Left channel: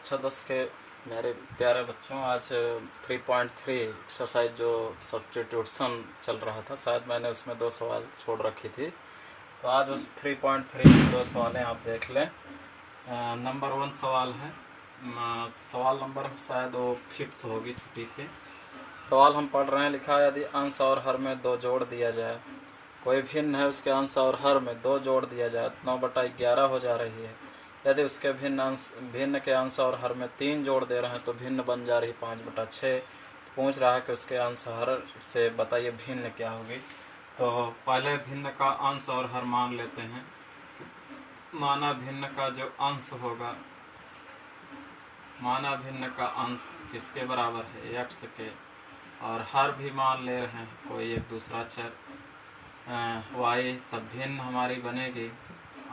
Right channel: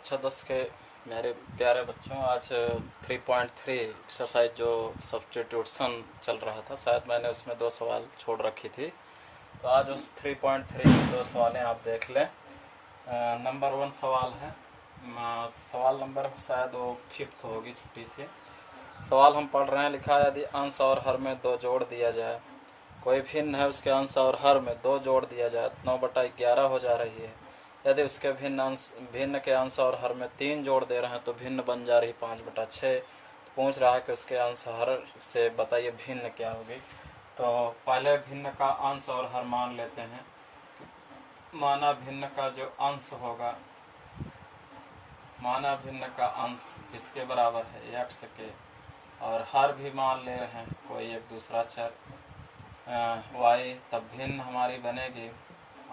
कक्षा 10 के मेरे प्यारे बच्चों, आज 3.3 एक्सरसाइज जो सब्स्टिट्यूशन चल रहा था, शायद मैंने उसमें 2 सवाल छोड़ रखी थी। तो आज उस 3.3 की 2 सवालें आप देख लें। नंबर 1 सवाल है, सवाल नंबर शायद वो 5th होगी, छुट्टी थी। सवाल हम पढ़ रहे हैं। लिखा है, यदि अंश और हर में 2 जोड़ दिया जाए, कोई भिन्न है, उसके अंश और हर में 2 जोड़ दिया जाए, 9/11 हो जा रही है। यदि उसके भिन्न के अंश और हर में 3 जोड़ दे रहे हैं तो भिन्न बन जा रही 5/6। तो पूछ रहा है कि उसके अंश हर से बताइए भिन्न क्या होगी। तो पहले भिन्न का अंश और हर मान लेते हैं। माना भिन्न का जो अंश होगा, माना भिन्न का अंश किसके बराबर है, x के, और हर भी मान ले रहे हैं कोई एक दूसरा चर y, तब भिन्न हमारी बनेगी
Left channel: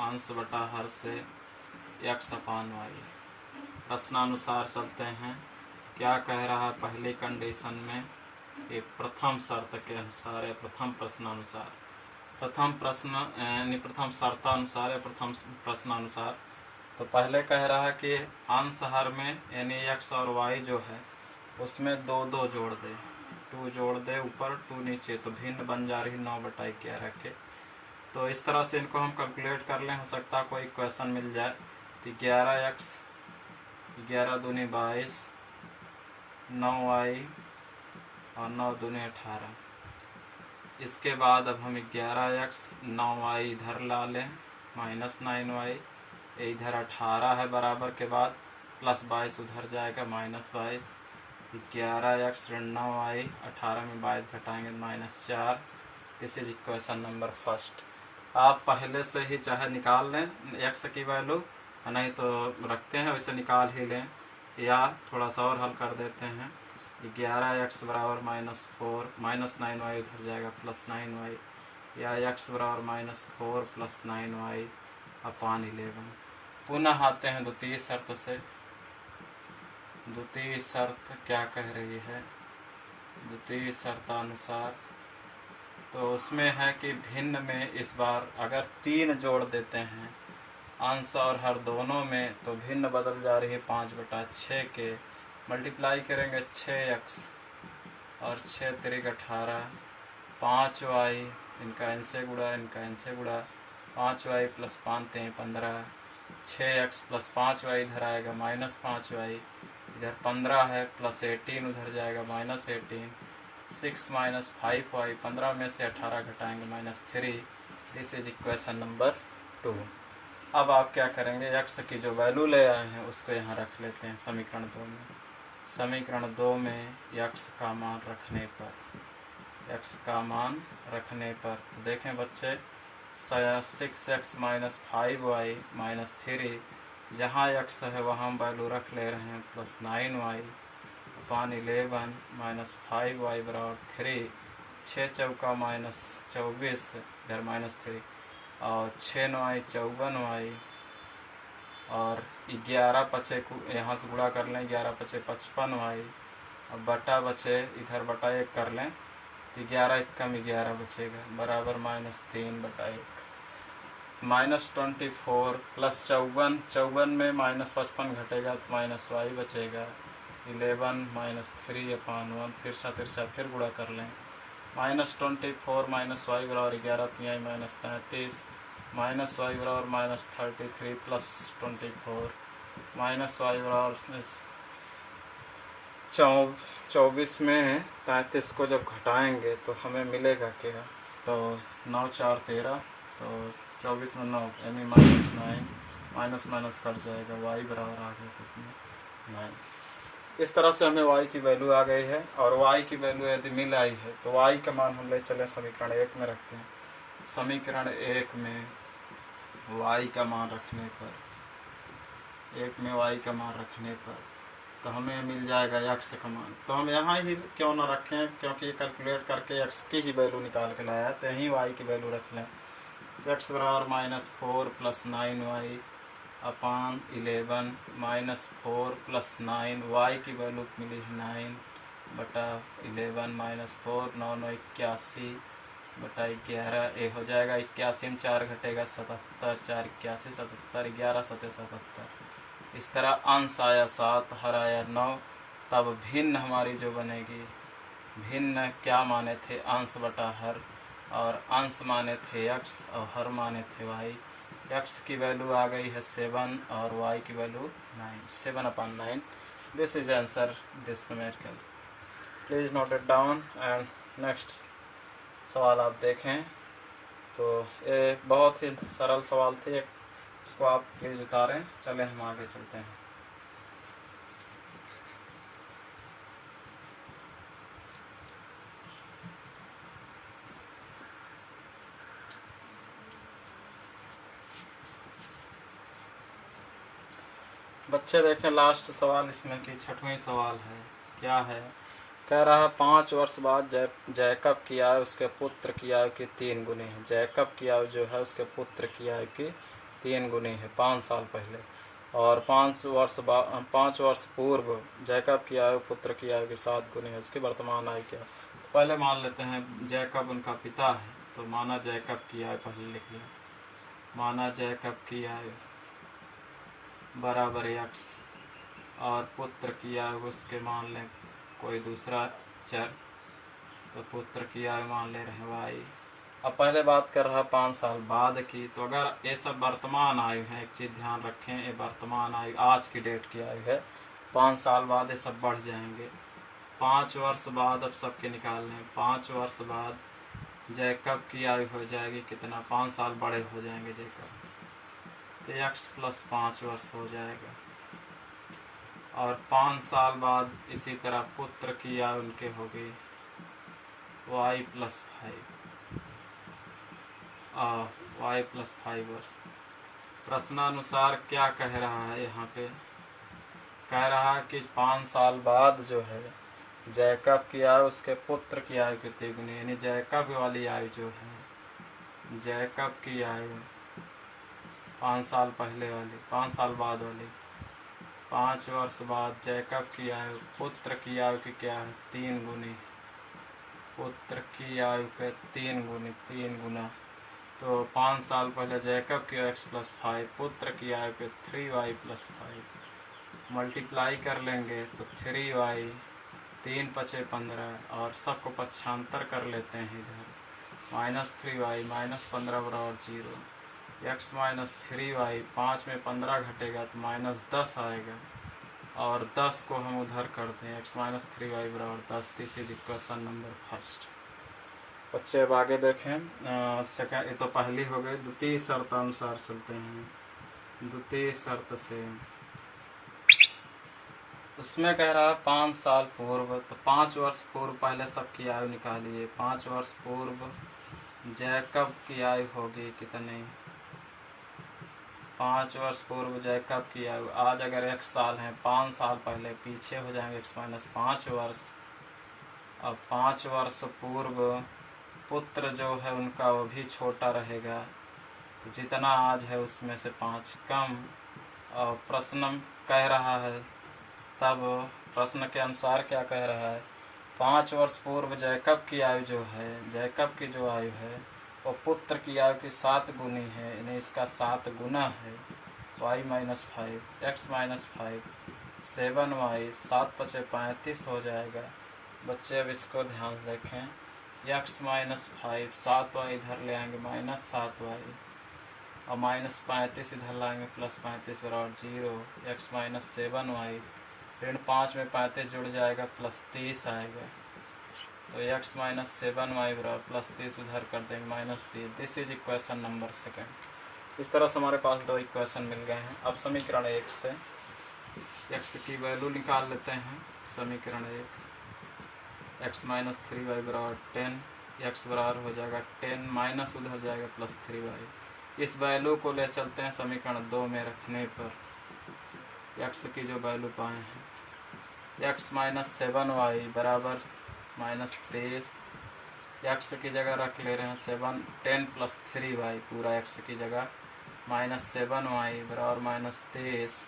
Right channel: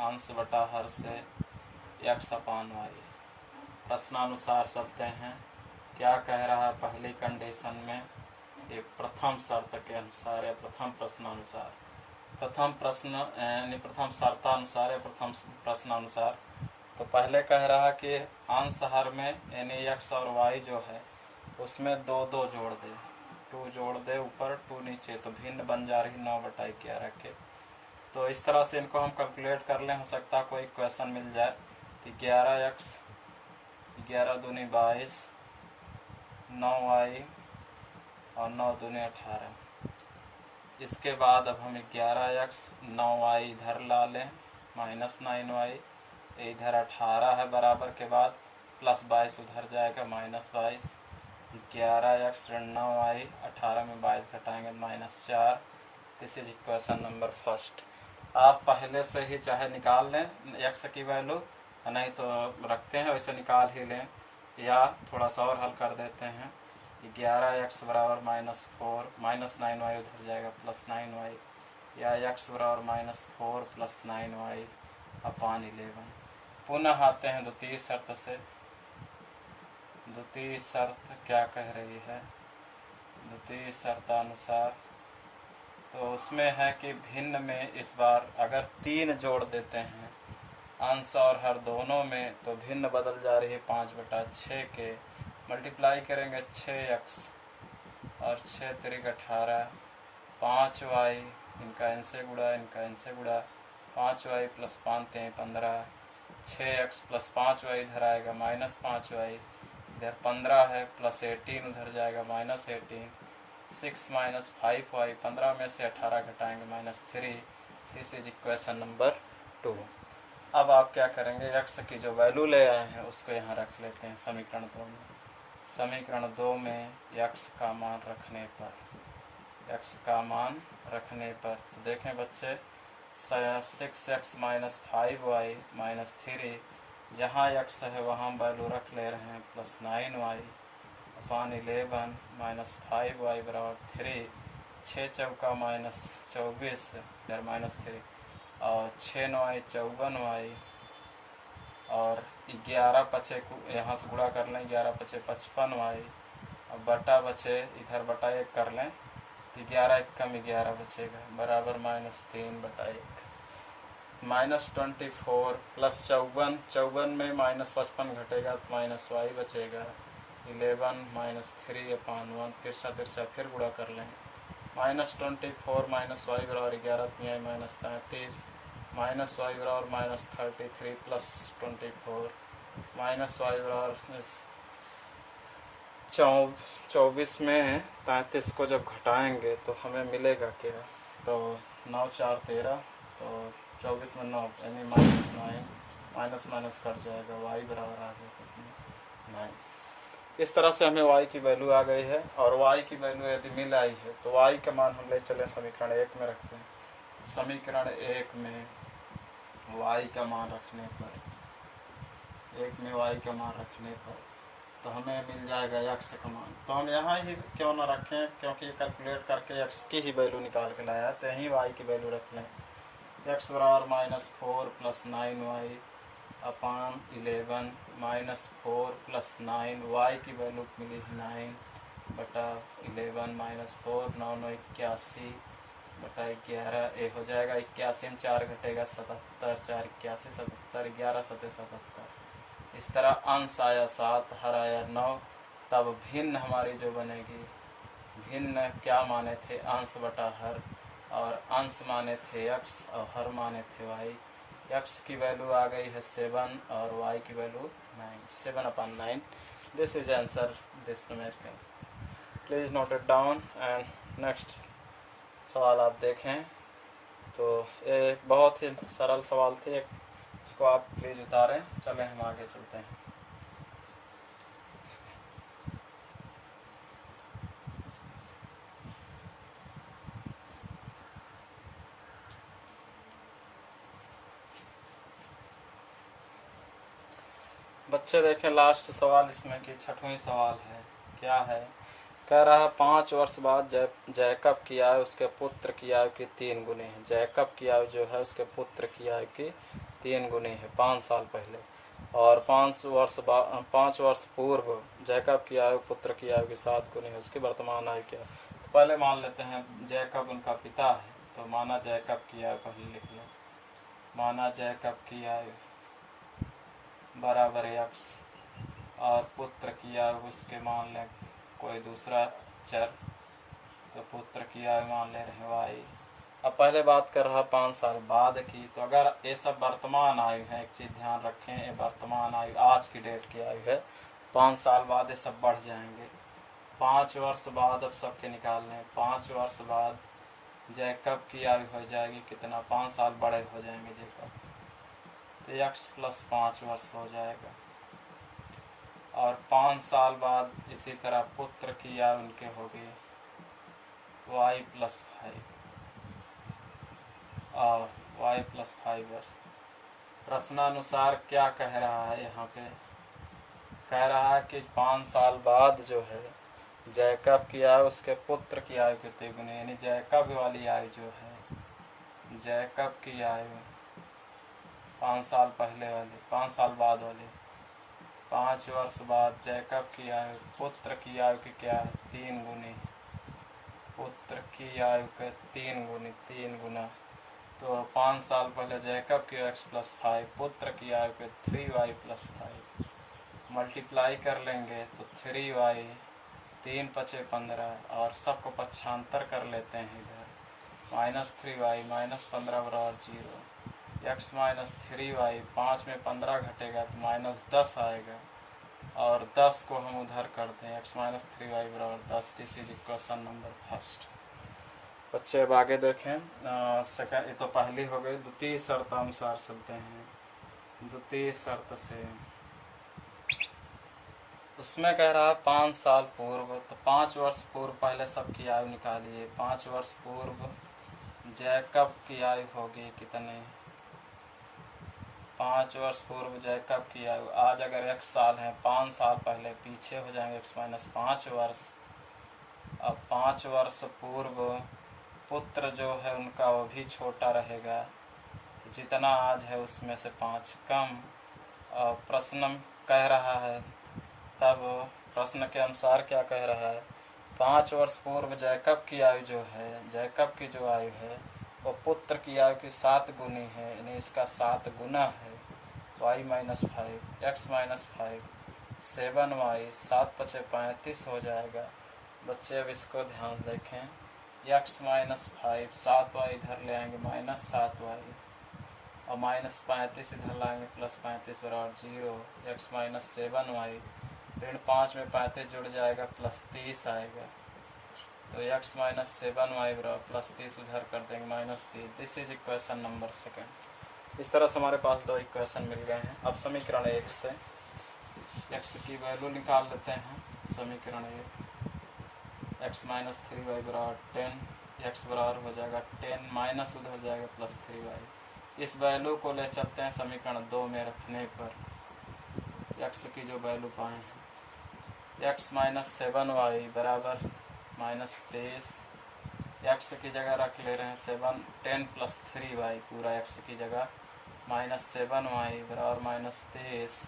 अंश बटा हर से x/y। प्रश्नानुसार चलते हैं। क्या कह रहा है पहली कंडीशन में, ये प्रथम शर्त के अनुसार या प्रथम प्रश्नानुसार, प्रथम प्रश्न यानी प्रथम शर्तानुसार या प्रथम प्रश्नानुसार। तो पहले कह रहा है कि अंश हर में यानी x और y जो है उसमें 2 जोड़ दे, 2 जोड़ दे ऊपर 2 नीचे, तो भिन्न बन जा रही 9/11 के। तो इस तरह से इनको हम कैलकुलेट कर लें, हो सकता है कोई क्वेश्चन मिल जाए। तो 11x 11 दूनी 22, 9y और 9 दूनी 18। इसके बाद अब हम 11x 9y इधर ला लें, -9y, इधर 18 है बराबर के बाद, +22 उधर जाएगा, -22। 11x 9y, 18 में 22 घटाएंगे -4। This is question number first. आप पहले से ही चाहे निकाल लें x की वैल्यू, नहीं तो रखते हैं वैसे निकाल ही लें, या थोड़ा सा और हल कर देते हैं। 11x बराबर -4, -9y उधर जाएगा, +9y, या x बराबर -4 + 9y अपान 11। पुनः आते हैं द्वितीय शर्त से। द्वितीय शर्त क्या कह रही है, द्वितीय शर्तानुसार तो उसमें है कि भिन्न में इस बार अगर 3 जोड़ देते हैं अंश और हर दोनों में, तो भिन्न बदल जा रही है 5/6 के। मल्टीप्लाई करेंगे 6x और 6 × 18, 5y, इनका इनसे गुड़ा, इनका इनसे गुड़ा, 5y + 5 × 15, 6x + 5y इधर आएगा, -5y, इधर 15 है, +18 उधर जाएगा, -18, 6 - 5y, 15 में से 18 घटाएंगे, -3। This is equation number 2। अब आप क्या करेंगे, x की जो वैल्यू ले आए हैं उसको यहाँ रख लेते हैं समीकरण 2 में। समीकरण 2 में x का मान रखने पर, x का मान रखने पर तो देखें बच्चे, 6x - 5y - 3, जहाँ x है वहाँ वैल्यू रख ले रहे हैं, +9y अपान 11 -5y बराबर 3। 6 चौका -24, इधर -3, और 6 9y 54y, और 11 बचे को यहाँ से गुणा कर लें, 11 बचे 55y, और बटा बचे इधर बटा 1 कर लें, तो 11 × 1 = 11 बचेगा, बराबर -3/1। -24 + 54, 54 में -55 घटेगा तो -y बचेगा, 11 - 3/1, तिरछा तिरछा फिर गुणा कर लें, -24 - y बराबर 11, 3 -33, -y बराबर -33 + 24, -y बराबर 24 में 33 को जब घटाएंगे तो हमें मिलेगा क्या, तो 9 × 4 = 13, तो 24 में 9 यानी -9, माइनस कट जाएगा, y बराबर आ गया कितनी, 9। इस तरह से हमें y की वैल्यू आ गई है। और y की वैल्यू यदि मिल आई है तो y का मान हम ले चले समीकरण 1 में रखते हैं। समीकरण 1 में y का मान रखने पर, 1 में y का मान रखने पर तो हमें मिल जाएगा x का मान। तो हम यहाँ ही क्यों ना रखें, क्योंकि ये कैलकुलेट करके x की ही वैल्यू निकाल के लाया, तो यहीं y की वैल्यू रख लें। x बराबर -4 + 9y अपान 11, -4 + 9, y की वैल्यू मिली 9/11, -4, 9 9 81/11, ये हो जाएगा 81 में 4 घटेगा 77, 4 81, 77, 11 7 77, इस तरह अंश आया 7, हर आया 9। तब भिन्न हमारी जो बनेगी, भिन्न क्या माने थे, अंश बटा हर, और अंश माने थे x और हर माने थे y। x की वैल्यू आ गई है 7 और y की value 9, 7/9। This is answer this numerical. Please note it down. And next सवाल आप देखें। तो ये बहुत ही सरल सवाल थे, इसको आप प्लीज उतारें। चलें हम आगे चलते हैं। बच्चे देखें लास्ट सवाल इसमें की 6वां सवाल है। क्या है, कह रहा है 5 वर्ष बाद जैकब की आयु उसके पुत्र की आयु की 3 गुनी है। जैकब की आयु जो है उसके पुत्र की आयु की 3 गुनी है 5 साल पहले। और 5 वर्ष पूर्व जैकब की आयु पुत्र की आयु की 7 गुनी है। उसकी वर्तमान आयु क्या है? तो पहले मान लेते हैं जैकब उनका पिता है, तो माना जैकब की आयु पहले लिख लिया। माना जैकब की आयु बराबर x और पुत्र की आयु उसके मान लें कोई दूसरा चर, तो पुत्र की आयु मान ले रहे हैं y। अब पहले बात कर रहा 5 साल बाद की, तो अगर ये सब वर्तमान आयु है, एक चीज ध्यान रखें, ये वर्तमान आयु आज की डेट की आयु है। 5 साल बाद ये सब बढ़ जाएंगे। 5 वर्ष बाद अब सबके निकालने, 5 वर्ष बाद जैकब की आयु हो जाएगी कितना, 5 साल बड़े हो जाएंगे जैकब, तो x + 5 वर्ष हो जाएगा। और 5 साल बाद इसी तरह पुत्र की आयु उनके होगी y + 5 और y + 5 वर्ष। प्रश्नानुसार क्या कह रहा है यहाँ पे, कह रहा है कि 5 साल बाद जो है जैकब की आयु उसके पुत्र की आयु कितनी गुनी, यानी जैकब वाली आयु जो है, जैकब की आयु 5 साल पहले वाली, 5 साल बाद वाली, 5 वर्ष बाद जैकब की आयु पुत्र की आयु की क्या है, 3 गुनी। पुत्र की आयु के 3 गुनी, 3 गुना। तो 5 साल पहले जैकब की x + 5, पुत्र की आयु के 3y + 5 मल्टीप्लाई कर लेंगे तो 3y, 3 × 5 = 15 और सबको पक्षांतर कर लेते हैं इधर, -3y -15 = 0। x - 3y, 5 में 15 घटेगा तो -10 आएगा, और 10 को हम उधर करते हैं, x - 3y = 10। This is equation number first. बच्चे अब आगे देखें। सेकंड, ये तो पहली हो गई। द्वितीय शर्त अनुसार चलते हैं। द्वितीय शर्त से उसमें कह रहा है 5 साल पूर्व, तो 5 वर्ष पूर्व पहले सबकी आयु निकालिए। 5 वर्ष पूर्व जैकब की आयु होगी कितने, 5 वर्ष पूर्व जैकब की आयु, आज अगर 1 साल है, 5 साल पहले पीछे हो जाएंगे x - 5 वर्ष। अब 5 वर्ष पूर्व पुत्र जो है उनका वो भी छोटा रहेगा, जितना आज है उसमें से 5 कम। और प्रश्न कह रहा है, तब प्रश्न के अनुसार क्या कह रहा है, 5 वर्ष पूर्व जैकब की आयु जो है, जैकब की जो आयु है वो पुत्र की आयु की 7 गुनी है, यानी इसका 7 गुना है। y - 5, x - 5, 7y, 7 × 5 = 35 हो जाएगा। बच्चे अब इसको ध्यान देखें, x - 5, 7y इधर ले आएंगे -7y, और -35 इधर लाएंगे +35 = 0। x - 7y, ऋण 5 में 35 जुड़ जाएगा +30 आएगा, तो x - 7y = +30 उधर कर देंगे -30। This is equation number second. इस तरह से हमारे पास 2 इक्वेशन मिल गए हैं। अब समीकरण 1 से x की वैल्यू निकाल लेते हैं। समीकरण 1, x - 3y = 10, x बराबर हो जाएगा 10 माइनस उधर जाएगा +3y। इस वैल्यू को ले चलते हैं समीकरण 2 में रखने पर x की जो वैल्यू पाए हैं, x - 7y बराबर -23, x की जगह रख ले रहे हैं 7, 10 + 3y पूरा x की जगह, -7y बराबर -23,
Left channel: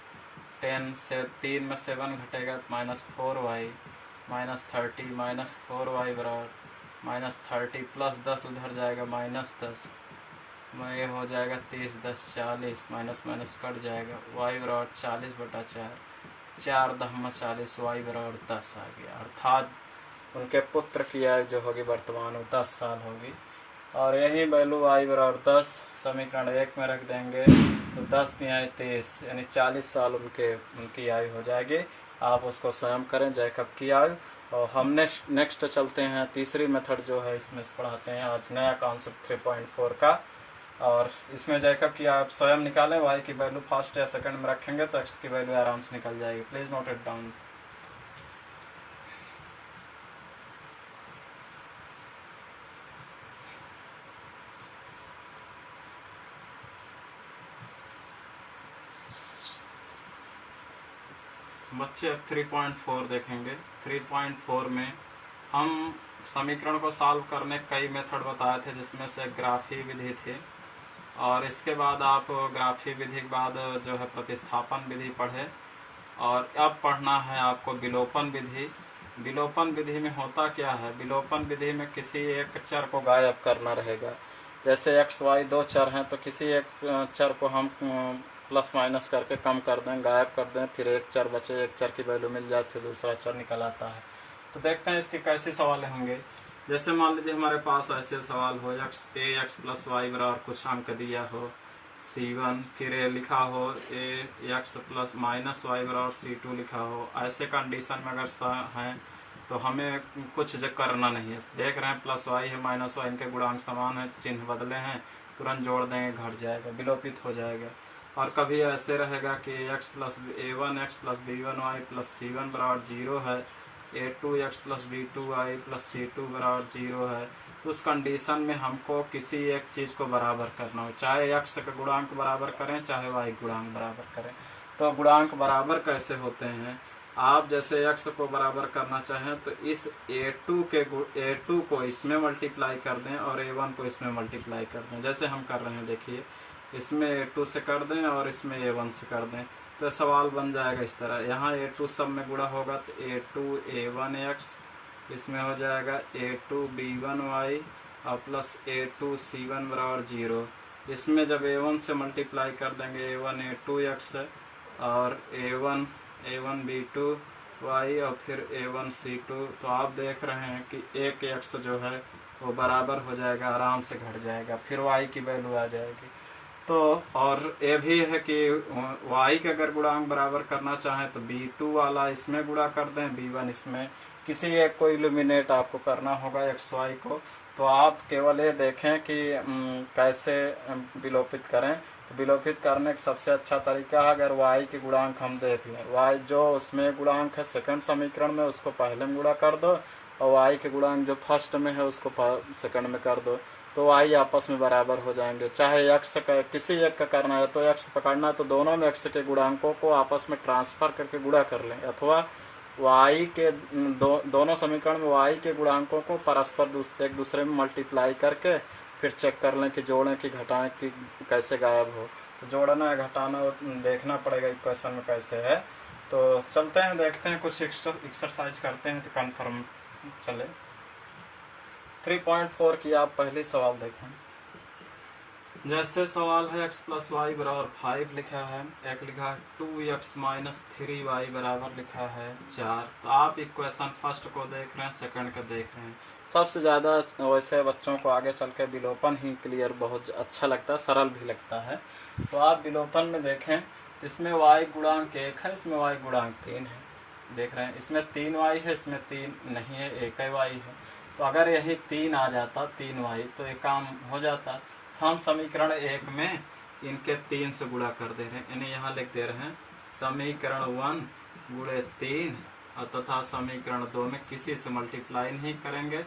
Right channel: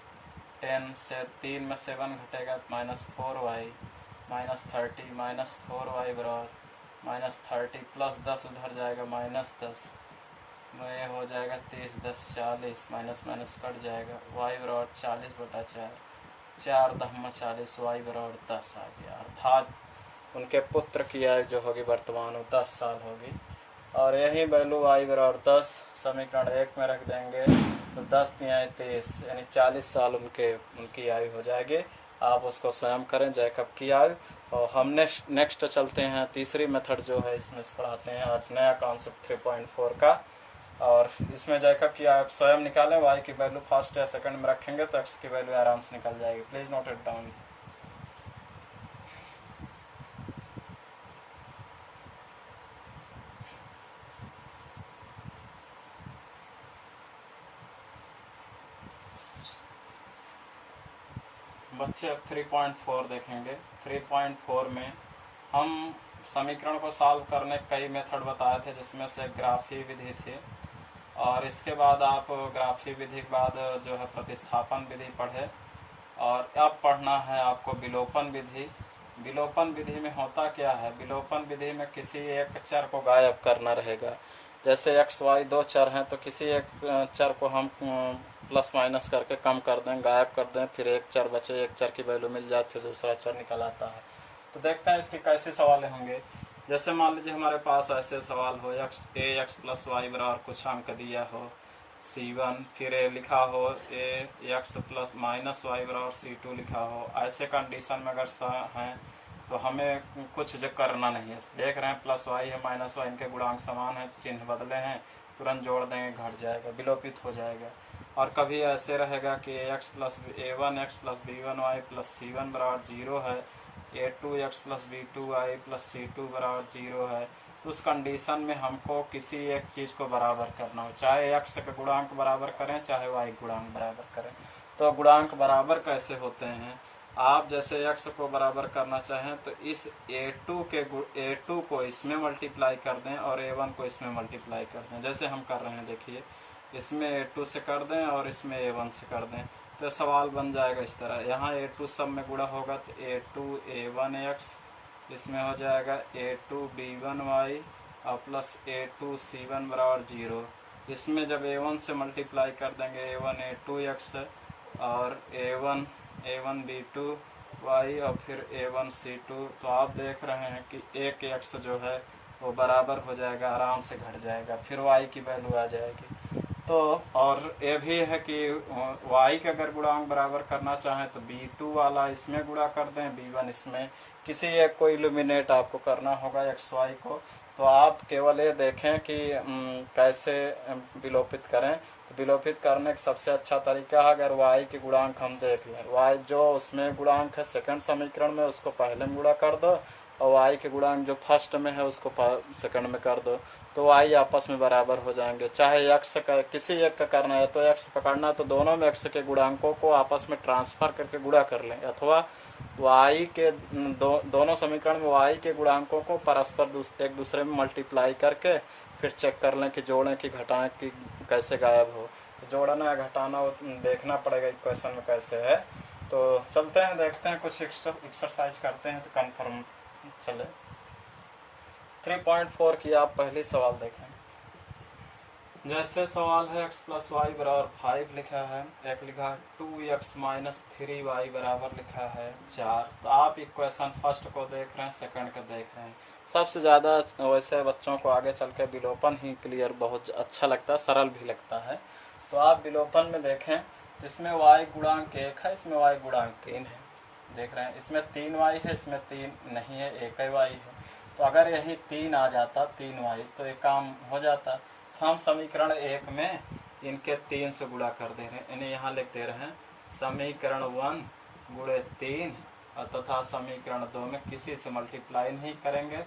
10 से 3 में 7 घटेगा -4y, -30, -4y बराबर -30 + 10 उधर जाएगा -10, ये हो जाएगा 30 10 40, माइनस माइनस कट जाएगा, वाई बराबर 40/4, 4 10 40, वाई बराबर 10 आ गया। अर्थात उनके पुत्र की आयु जो होगी वर्तमान में 10 साल होगी। और यही वैल्यू वाई बराबर 10 समीकरण 1 में रख देंगे तो 10 तिहाई 23 यानी 40 साल उनकी आयु हो जाएगी। आप उसको स्वयं करें जैकब की आयु। और हमने नेक्स्ट चलते हैं तीसरी मेथड जो है इसमें पढ़ाते हैं आज नया कॉन्सेप्ट 3.4 का। और इसमें जैकब की आप स्वयं निकालें, वाई की वैल्यू फर्स्ट या सेकंड में रखेंगे तो एक्स की वैल्यू आराम से निकल जाएगी। Please note it down. बच्चे अब 3.4 देखेंगे। 3.4 में हम समीकरण को सॉल्व करने कई मेथड बताए थे, जिसमें से ग्राफी विधि थी। और इसके बाद आप ग्राफी विधि के बाद जो है प्रतिस्थापन विधि पढ़े। और अब पढ़ना है आपको विलोपन विधि। विलोपन विधि में होता क्या है, विलोपन विधि में किसी एक चर को गायब करना रहेगा। जैसे एक्स वाई दो चर हैं तो किसी एक चर को हम प्लस माइनस करके कम कर दें, गायब कर दें, फिर एक चर बचे, एक चर की वैल्यू मिल जाए, फिर दूसरा चर निकल आता है। तो देखते हैं इसके कैसे सवाल होंगे। जैसे मान लीजिए हमारे पास ऐसे सवाल हो, एक्स प्लस वाई बराबर कुछ अंक दिया हो C1, फिर लिखा हो ए एक्स प्लस माइनस वाई बराबर C2 लिखा हो। ऐसे कंडीशन में अगर हैं तो हमें कुछ जो करना नहीं है। देख रहे हैं प्लस वाई है माइनस वाई, इनके गुणांक समान है, चिन्ह बदले हैं, तुरंत जोड़ देंगे, घट जाएगा, विलोपित हो जाएगा। और कभी ऐसे रहेगा कि x plus A1 x plus B1 y plus C1 बराबर 0 है, A2 x plus B2 Y plus C2 बराबर 0 है। उस कंडीशन में हमको किसी एक चीज़ को बराबर करना हो, चाहे एक्स का गुणांक बराबर करें चाहे वाई गुणांक बराबर करें। तो गुणांक बराबर कैसे होते हैं, आप जैसे एक्स को बराबर करना चाहें तो इस A2 को इसमें मल्टीप्लाई कर दें और A1 को इसमें मल्टीप्लाई कर दें। जैसे हम कर रहे हैं देखिए, इसमें A2 से कर दें और इसमें A1 से कर दें, तो सवाल बन जाएगा इस तरह। यहाँ A2 सब में गुणा होगा तो A2 A1x, इसमें हो जाएगा A2 B1y और प्लस A2 C1 बराबर 0। इसमें जब A1 से मल्टीप्लाई कर देंगे A1 A2x और A1 B2y और फिर A1 C2, तो आप देख रहे हैं कि एक x जो है वो बराबर हो जाएगा, आराम से घट जाएगा, फिर y की वैल्यू आ जाएगी। तो और ये भी है कि y के अगर गुणांक बराबर करना चाहें तो B2 वाला इसमें गुणा कर दें, B1 इसमें, किसी एक को इल्यूमिनेट आपको करना होगा एक्स वाई को। तो आप केवल ये देखें कि कैसे विलोपित करें। तो विलोपित करने का सबसे अच्छा तरीका है, अगर y के गुणांक हम देख लें, y जो उसमें गुणांक है सेकंड समीकरण में उसको पहले में गुणा कर दो और y के गुणांक जो फर्स्ट में है उसको सेकंड में कर दो, तो y आपस में बराबर हो जाएंगे। चाहे x का किसी एक का करना है तो x पकड़ना तो दोनों में x के गुणांकों को आपस में ट्रांसफर करके गुणा कर लें, अथवा y के दोनों समीकरण में y के गुणांकों को परस्पर एक दूसरे में मल्टीप्लाई करके फिर चेक कर लें कि जोड़ें कि घटाएं कि कैसे गायब हो। तो जोड़ना या घटाना देखना पड़ेगा इक्वेशन में कैसे है। तो चलते हैं देखते हैं, कुछ एक्सरसाइज करते हैं तो कन्फर्म चले। 3.4 की आप पहली सवाल देखें। जैसे सवाल है x प्लस वाई बराबर 5 लिखा है, एक लिखा है 2x माइनस 3y बराबर लिखा है 4। तो आप इक्वेशन फर्स्ट को देख रहे हैं, सेकंड को देख रहे हैं। सबसे ज़्यादा वैसे बच्चों को आगे चल के विलोपन ही क्लियर बहुत अच्छा लगता है, सरल भी लगता है। तो आप विलोपन में देखें, इसमें y गुणांक 1 है, इसमें y गुणांक 3 है, देख रहे हैं। इसमें 3y है, इसमें 3 नहीं है, एक ही y है। तो अगर यही 3 आ जाता 3y तो ये काम हो जाता। हम समीकरण 1 में इनके 3 से गुणा कर दे रहे हैं, इन्हें यहाँ लिख दे रहे हैं समीकरण 1 गुणे 3, और तथा समीकरण 2 में किसी से मल्टीप्लाई नहीं करेंगे,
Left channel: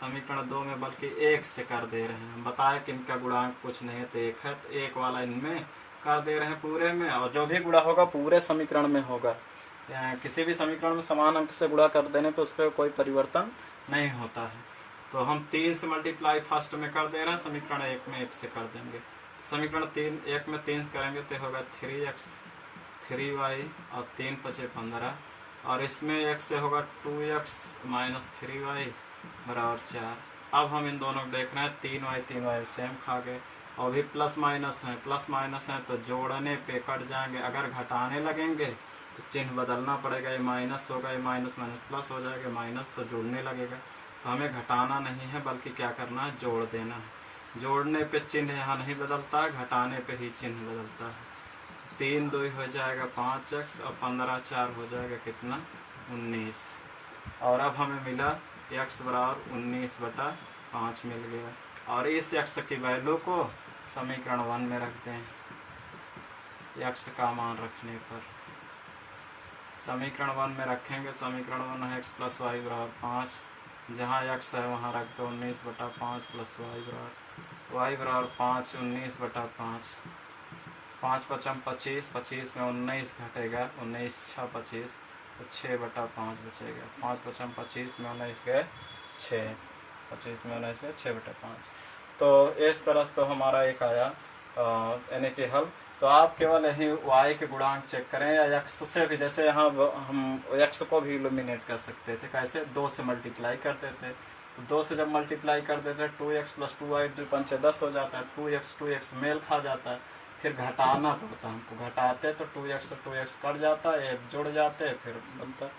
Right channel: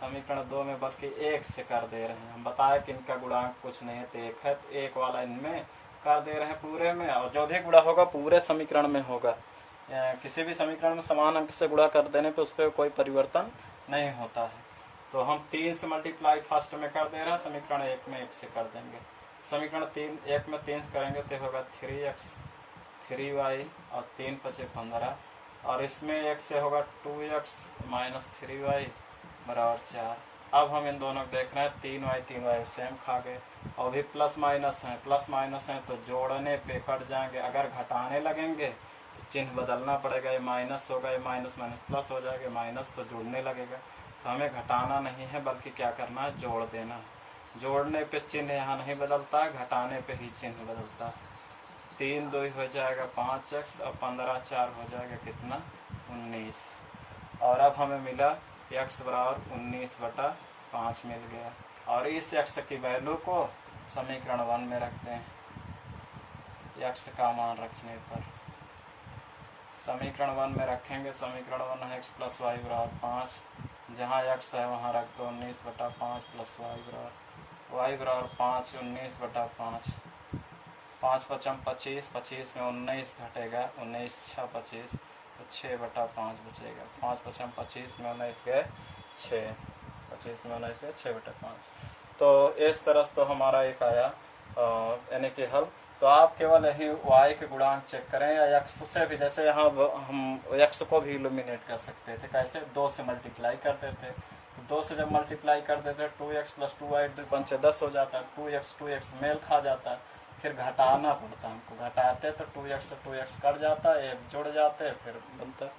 समीकरण 2 में बल्कि 1 से कर दे रहे हैं। हम बताए कि इनका गुणांक कुछ नहीं है तो 1 है, तो 1 वाला इनमें कर दे रहे हैं पूरे में, और जो भी गुणा होगा पूरे समीकरण में होगा। किसी भी समीकरण में समान अंक से गुणा कर देने पर उस पर कोई परिवर्तन नहीं होता है। तो हम 3 से मल्टीप्लाई फर्स्ट में कर दे रहे हैं, समीकरण 1 में 1 से कर देंगे। समीकरण 1 में 3 करेंगे तो होगा 3x 3y और 3 × 5 = 15, और इसमें 1 से होगा 2x माइनस 3y बराबर 4। अब हम इन दोनों को देख रहे हैं, 3y सेम खा गए और भी प्लस माइनस हैं तो जोड़ने पे कट जाएंगे। अगर घटाने लगेंगे तो चिन्ह बदलना पड़ेगा, ये माइनस होगा, ये माइनस माइनस प्लस हो जाएगा, माइनस तो जुड़ने लगेगा। तो हमें घटाना नहीं है बल्कि क्या करना है, जोड़ देना है। जोड़ने पे चिन्ह यहाँ नहीं बदलता, घटाने पे ही चिन्ह बदलता है। 3 2 हो जाएगा 5x और 15 4 हो जाएगा कितना, 19। और अब हमें मिला x बराबर 19/5 मिल गया। और इस x की वैल्यू को समीकरण 1 में रखते हैं। x का मान रखने पर समीकरण 1 में रखेंगे, समीकरण 1 है x + y बराबर 5, जहाँ x है वहाँ रख दो 19/5 + y बराबर 5, 19/5, 5 5 25, 25 में 19 घटेगा, 19 6 25 तो 6/5 बचेगा। 5 5 25 में 19 गए 6, 25 में 19 गए 6/5। तो इस तरह से तो हमारा एक आया यानी कि हल। तो आप केवल यही y के गुणांक चेक करें या x से भी, जैसे यहाँ हम x को भी इल्यूमिनेट कर सकते थे। कैसे, 2 से मल्टीप्लाई करते थे, तो 2 से जब मल्टीप्लाई करते थे 2x + 2y 5 10 हो जाता है, 2x मेल खा जाता है, फिर घटाना पड़ता है हमको। घटाते तो 2x से 2x कट जाता है, एक जुड़ जाते हैं फिर बनता है।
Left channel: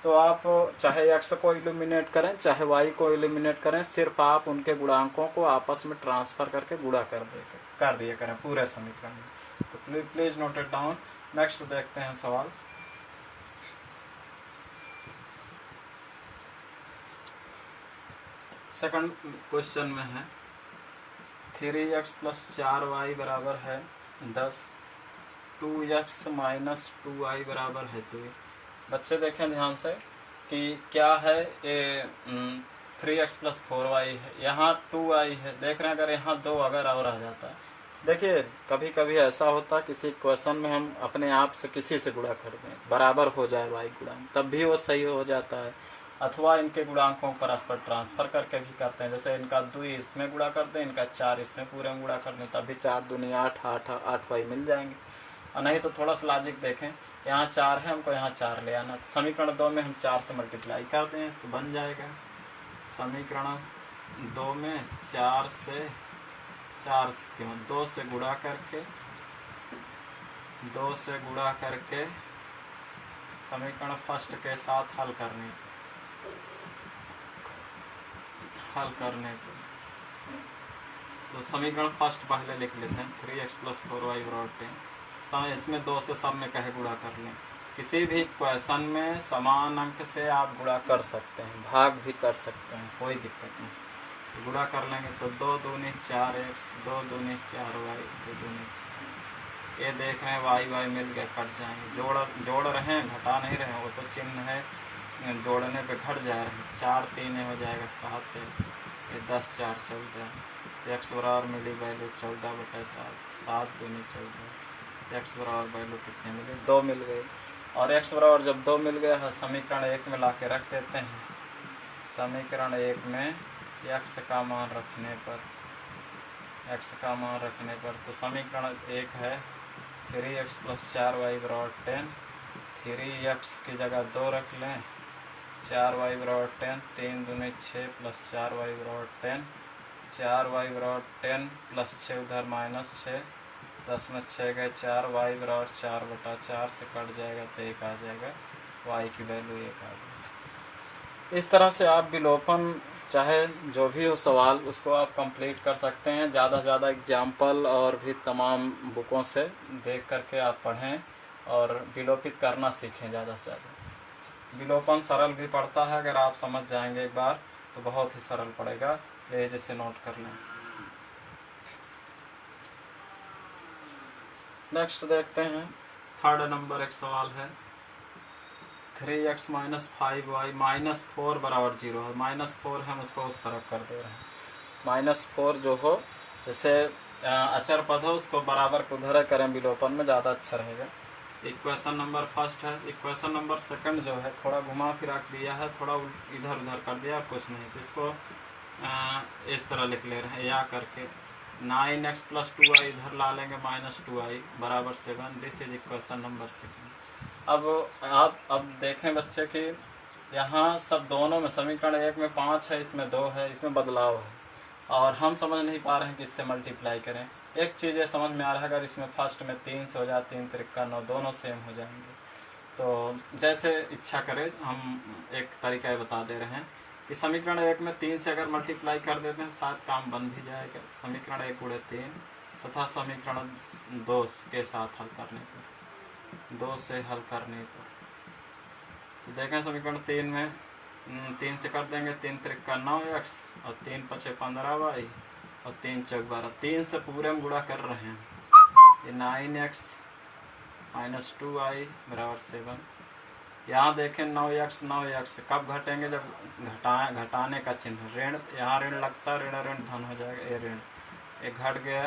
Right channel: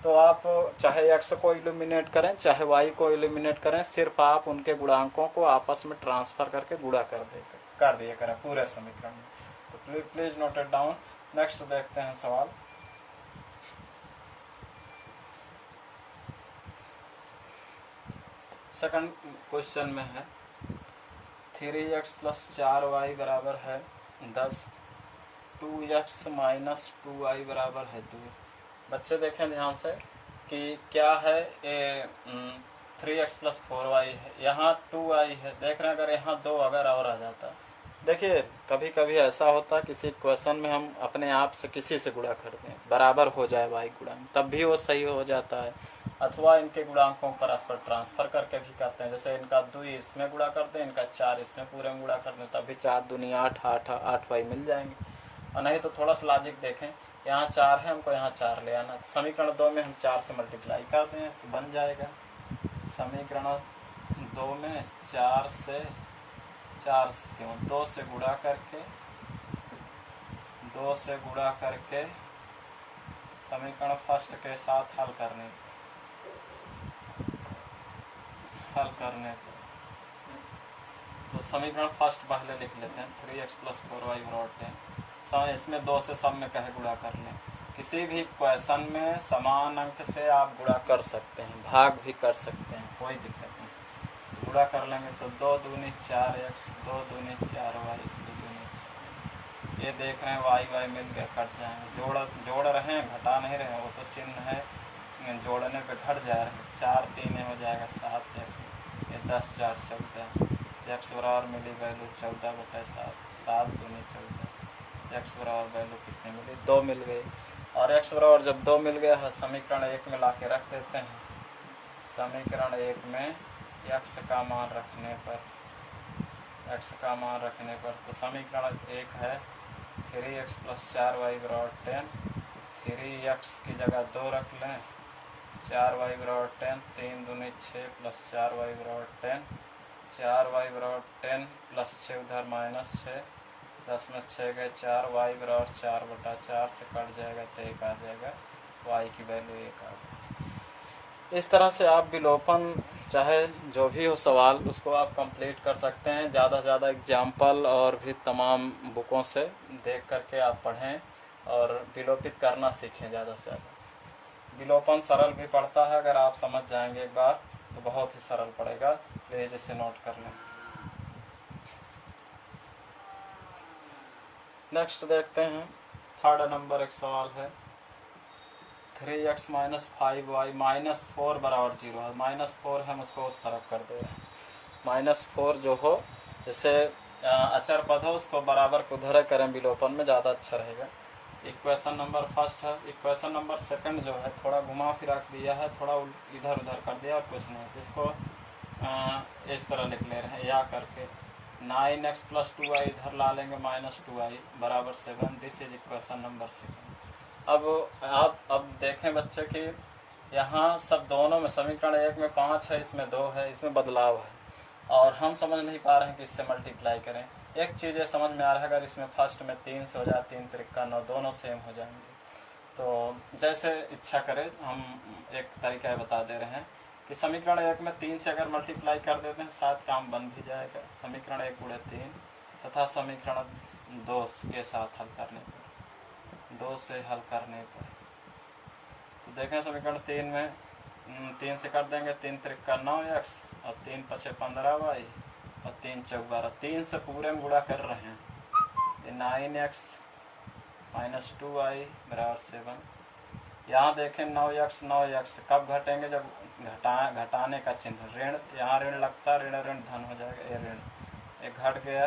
तो आप चाहे x को इल्यूमिनेट करें चाहे y को इल्यूमिनेट करें, सिर्फ आप उनके गुणांकों को आपस में ट्रांसफर करके गुणा कर दिया करें पूरे समीकरण में। तो please note it down. Next देखते हैं सवाल। सेकंड क्वेश्चन में है 3x + 4y बराबर है 10, 2x - 2y बराबर है 2। बच्चे देखें ध्यान से कि क्या है, ये 3x + 4y है, यहाँ 2y है। देख रहे हैं अगर यहाँ 2 अगर और आ जाता, देखिए कभी कभी ऐसा होता है किसी क्वेश्चन में हम अपने आप से किसी से गुणा कर दें, बराबर हो जाए y गुणांक, तब भी वो सही हो जाता है। अथवा इनके गुणांकों परस्पर ट्रांसफर करके भी करते हैं, जैसे इनका 2 इसमें गुणा कर दें, इनका 4 इसमें पूरे में गुणा कर दें, तब भी 4 दूनी 8 8y मिल जाएंगे। और नहीं तो थोड़ा सा लॉजिक देखें, यहाँ 4 है, हमको यहाँ 4 ले आना, तो समीकरण 2 में हम 4 से मल्टीप्लाई करते हैं तो बन जाएगा। समीकरण 2 में 4 से 2 से गुणा करके समीकरण फर्स्ट के साथ हल करने तो समीकरण फर्स्ट पहले लिख लेते हैं, 3x + 4y बराबर 10। इसमें 2 से सब में कहे गुणा कर लें। किसी भी क्वेश्चन में समान अंक से आप गुणा कर सकते हैं, भाग भी कर सकते हैं, कोई दिक्कत नहीं। गुणा कर लेंगे तो 2 दूनी 4x, 2 दूनी 4y, 2 दूनी, ये देख रहे हैं y मिल गया, कट जाएंगे। जोड़ रहे हैं, घटा नहीं रहे हैं, वो तो चिन्ह है, जोड़ने पे घट जाएगा। 4 3 हो जाएगा 7, ये 10 4 14, x बराबर मिली वैल्यू 14/7, 7 दूनी 14, x बराबर वैल्यू कितनी मिली, 2 मिल गई। और x बराबर जब 2 मिल गया है, समीकरण 1 में ला के रख देते हैं। समीकरण 1 में x का मान रखने पर तो समीकरण 1 है 3x + 4y बराबर 10, 3x की जगह 2 रख लें, 4y बराबर 10, 3 दूनी 6 + 4y बराबर 10, 4y बराबर 10 + 6 उधर -6, 10 में 6 गए 4, y बराबर 4/4 से कट जाएगा तो 1 आ जाएगा, y की वैल्यू 1 आ जाएगी। इस तरह से आप विलोपन चाहे जो भी हो सवाल उसको आप कंप्लीट कर सकते हैं। ज़्यादा से ज़्यादा एग्जाम्पल और भी तमाम बुकों से देख करके आप पढ़ें और विलोपित करना सीखें ज़्यादा से ज़्यादा। विलोपन सरल भी पड़ता है, अगर आप समझ जाएंगे एक बार तो बहुत ही सरल पड़ेगा। प्लीज इसे नोट कर लें। नेक्स्ट देखते हैं, थर्ड नंबर एक सवाल है 3x - 5y - 4 बराबर 0 है। -4 हम उसको उस तरफ कर दे रहे हैं। -4 जो हो, जैसे अचर पद हो उसको बराबर को उधर करें, विलोपन में ज़्यादा अच्छा रहेगा। इक्वेशन नंबर फर्स्ट है। इक्वेशन नंबर सेकंड जो है थोड़ा घुमा फिरा दिया है, थोड़ा इधर उधर कर दिया और कुछ नहीं, तो इसको इस तरह लिख ले रहे हैं या करके 9x + 2y इधर ला लेंगे -2y बराबर 7। This is equation number 7। अब आप देखें बच्चे कि यहाँ सब दोनों में समीकरण एक में 5 है, इसमें 2 है, इसमें बदलाव है और हम समझ नहीं पा रहे हैं कि इससे मल्टीप्लाई करें। एक चीज़ ये समझ में आ रहा है, अगर इसमें फर्स्ट में 3 से हो जाए, 3 त्रिका 9, दोनों सेम हो जाएंगे। तो जैसे इच्छा करें, हम एक तरीका ये बता दे रहे हैं कि समीकरण एक में 3 से अगर मल्टीप्लाई कर देते हैं शायद काम बन भी जाएगा। समीकरण 1 गुणे 3 तथा समीकरण 2 के साथ हल करने पर, 2 से हल करने पर देखें समीकरण 3 में 3 से कर देंगे, 3 त्रिका 9x और 3 पचे 15y और 3 चौक 12। 3 से पूरे में गुणा कर रहे हैं, ये 9x माइनस 2y बराबर 7। यहाँ देखें 9x कब घटेंगे, जब घटाने का चिन्ह ऋण, यहाँ ऋण लगता, ऋण ऋण धन हो जाएगा, ये ऋण ये घट गया।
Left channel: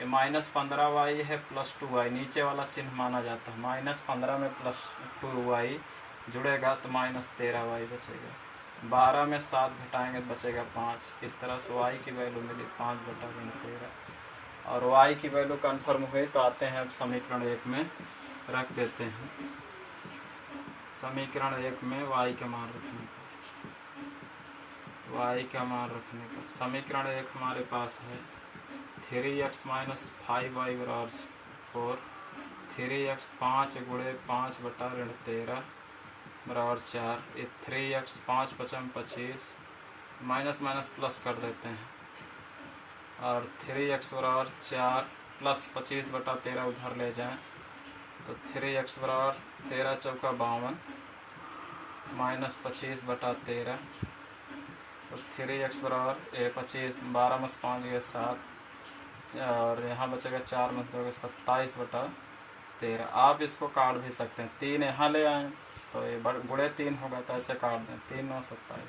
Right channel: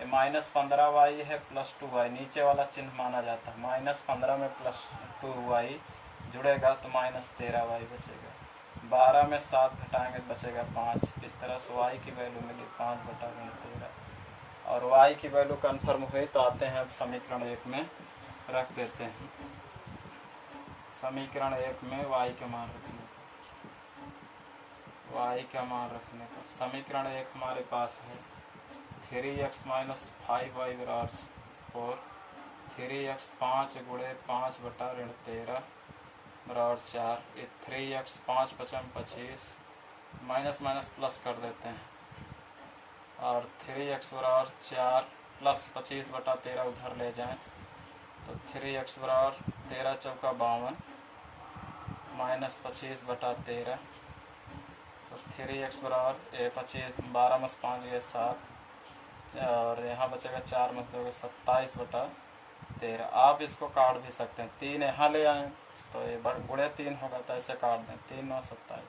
ये माइनस 15y है प्लस 2y, नीचे वाला चिन्ह माना जाता है। माइनस 15 में प्लस 2y जुड़ेगा तो माइनस 13y बचेगा। 12 में 7 घटाएंगे तो बचेगा 5। इस तरह से y की वैल्यू मिली 5/13 और y की वैल्यू कन्फर्म हुई तो आते हैं अब समीकरण 1 में रख देते हैं। समीकरण 1 में y के मान रखने पर, y का मान रखने पर समीकरण 1 हमारे पास है 3x माइनस 5y बराबर 4, 3x 5 गुणे 5/13 बराबर 4। ये 3x 5 पचम 25, माइनस माइनस प्लस कर देते हैं और 3x बराबर 4 प्लस 25/13 उधर ले जाएं तो 3x बराबर 13 चौका 52 माइनस 25/13 और 3x बराबर 25, 12 में 5 गए 7 और यहाँ बचेगा 4 में 2 27/13। आप इसको काट भी सकते हैं, 3 यहाँ ले आए तो ये गुणे 3 होगा तो ऐसे काट दें, 3 9 27,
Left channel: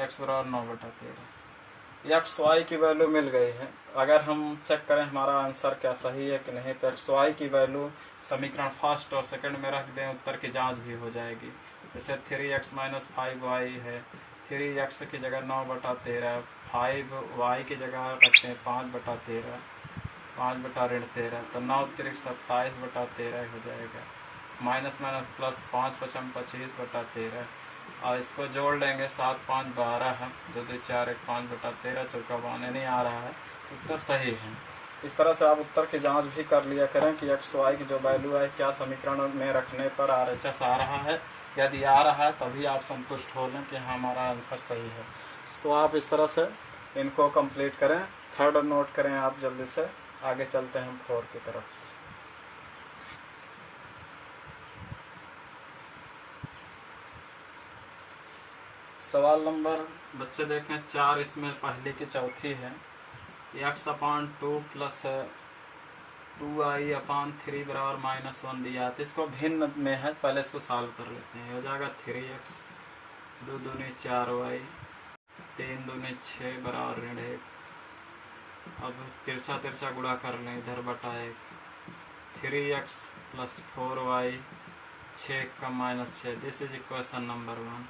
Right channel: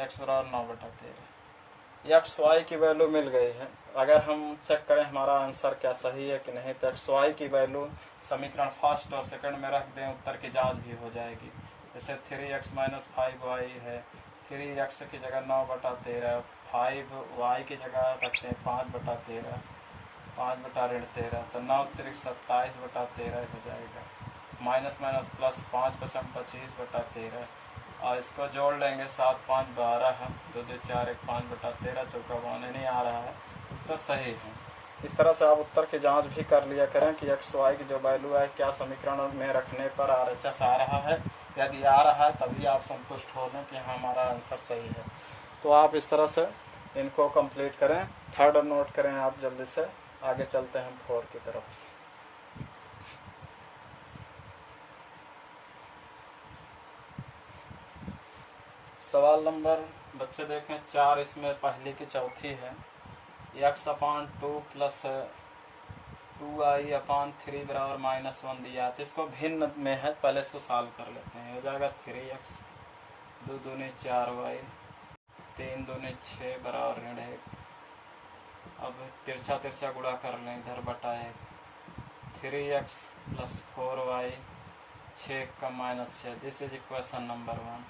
x बराबर 9/13। एक्स वाई की वैल्यू मिल गई है। अगर हम चेक करें हमारा आंसर क्या सही है कि नहीं, तो एक्स वाई की वैल्यू समीकरण फर्स्ट और सेकंड में रख दें, उत्तर की जांच भी हो जाएगी। जैसे 3x माइनस 5y है, 3x की जगह 9/13, 5y की जगह रखते हैं 5/13, 5/13 तो 9 3 27/13 हो जाएगा। माइनस माइनस प्लस 5 पचम 25/13 और इसको जोड़ लेंगे 7 5 12, 2 2 4 1 5/13 चौका 52 नहीं आ रहा है, उत्तर सही है। इस तरह से आप उत्तर की जांच भी कर लिया करें कि एक्स वाई की जो वैल्यू है क्या समीकरण में रखने पर RHS आ रहा है। यदि आ रहा है तभी आप संतुष्ट हो लें कि हाँ हमारा आंसर सही है। तो आप इस तरह से इनको कंप्लीट करें। थर्ड नोट करें आप जल्दी से, आगे चलते हैं 4 की तरफ। सवाल नंबर बच्चे देखें 4, इसमें पहली की चौथी है। x/2 प्लस 2i/3 बराबर -1 दिया, तो इसको भिन्न में है, पहले इसको सॉल्व कर लेते हैं। हो जाएगा 3x 2 दूनी 4y 3 दूनी 6 बराबर ऋण 1। अब तिरछा तिरछा गुणा कर लें, इधर बटा 1, 3x प्लस 4y 6 का -6। This is equation number 1।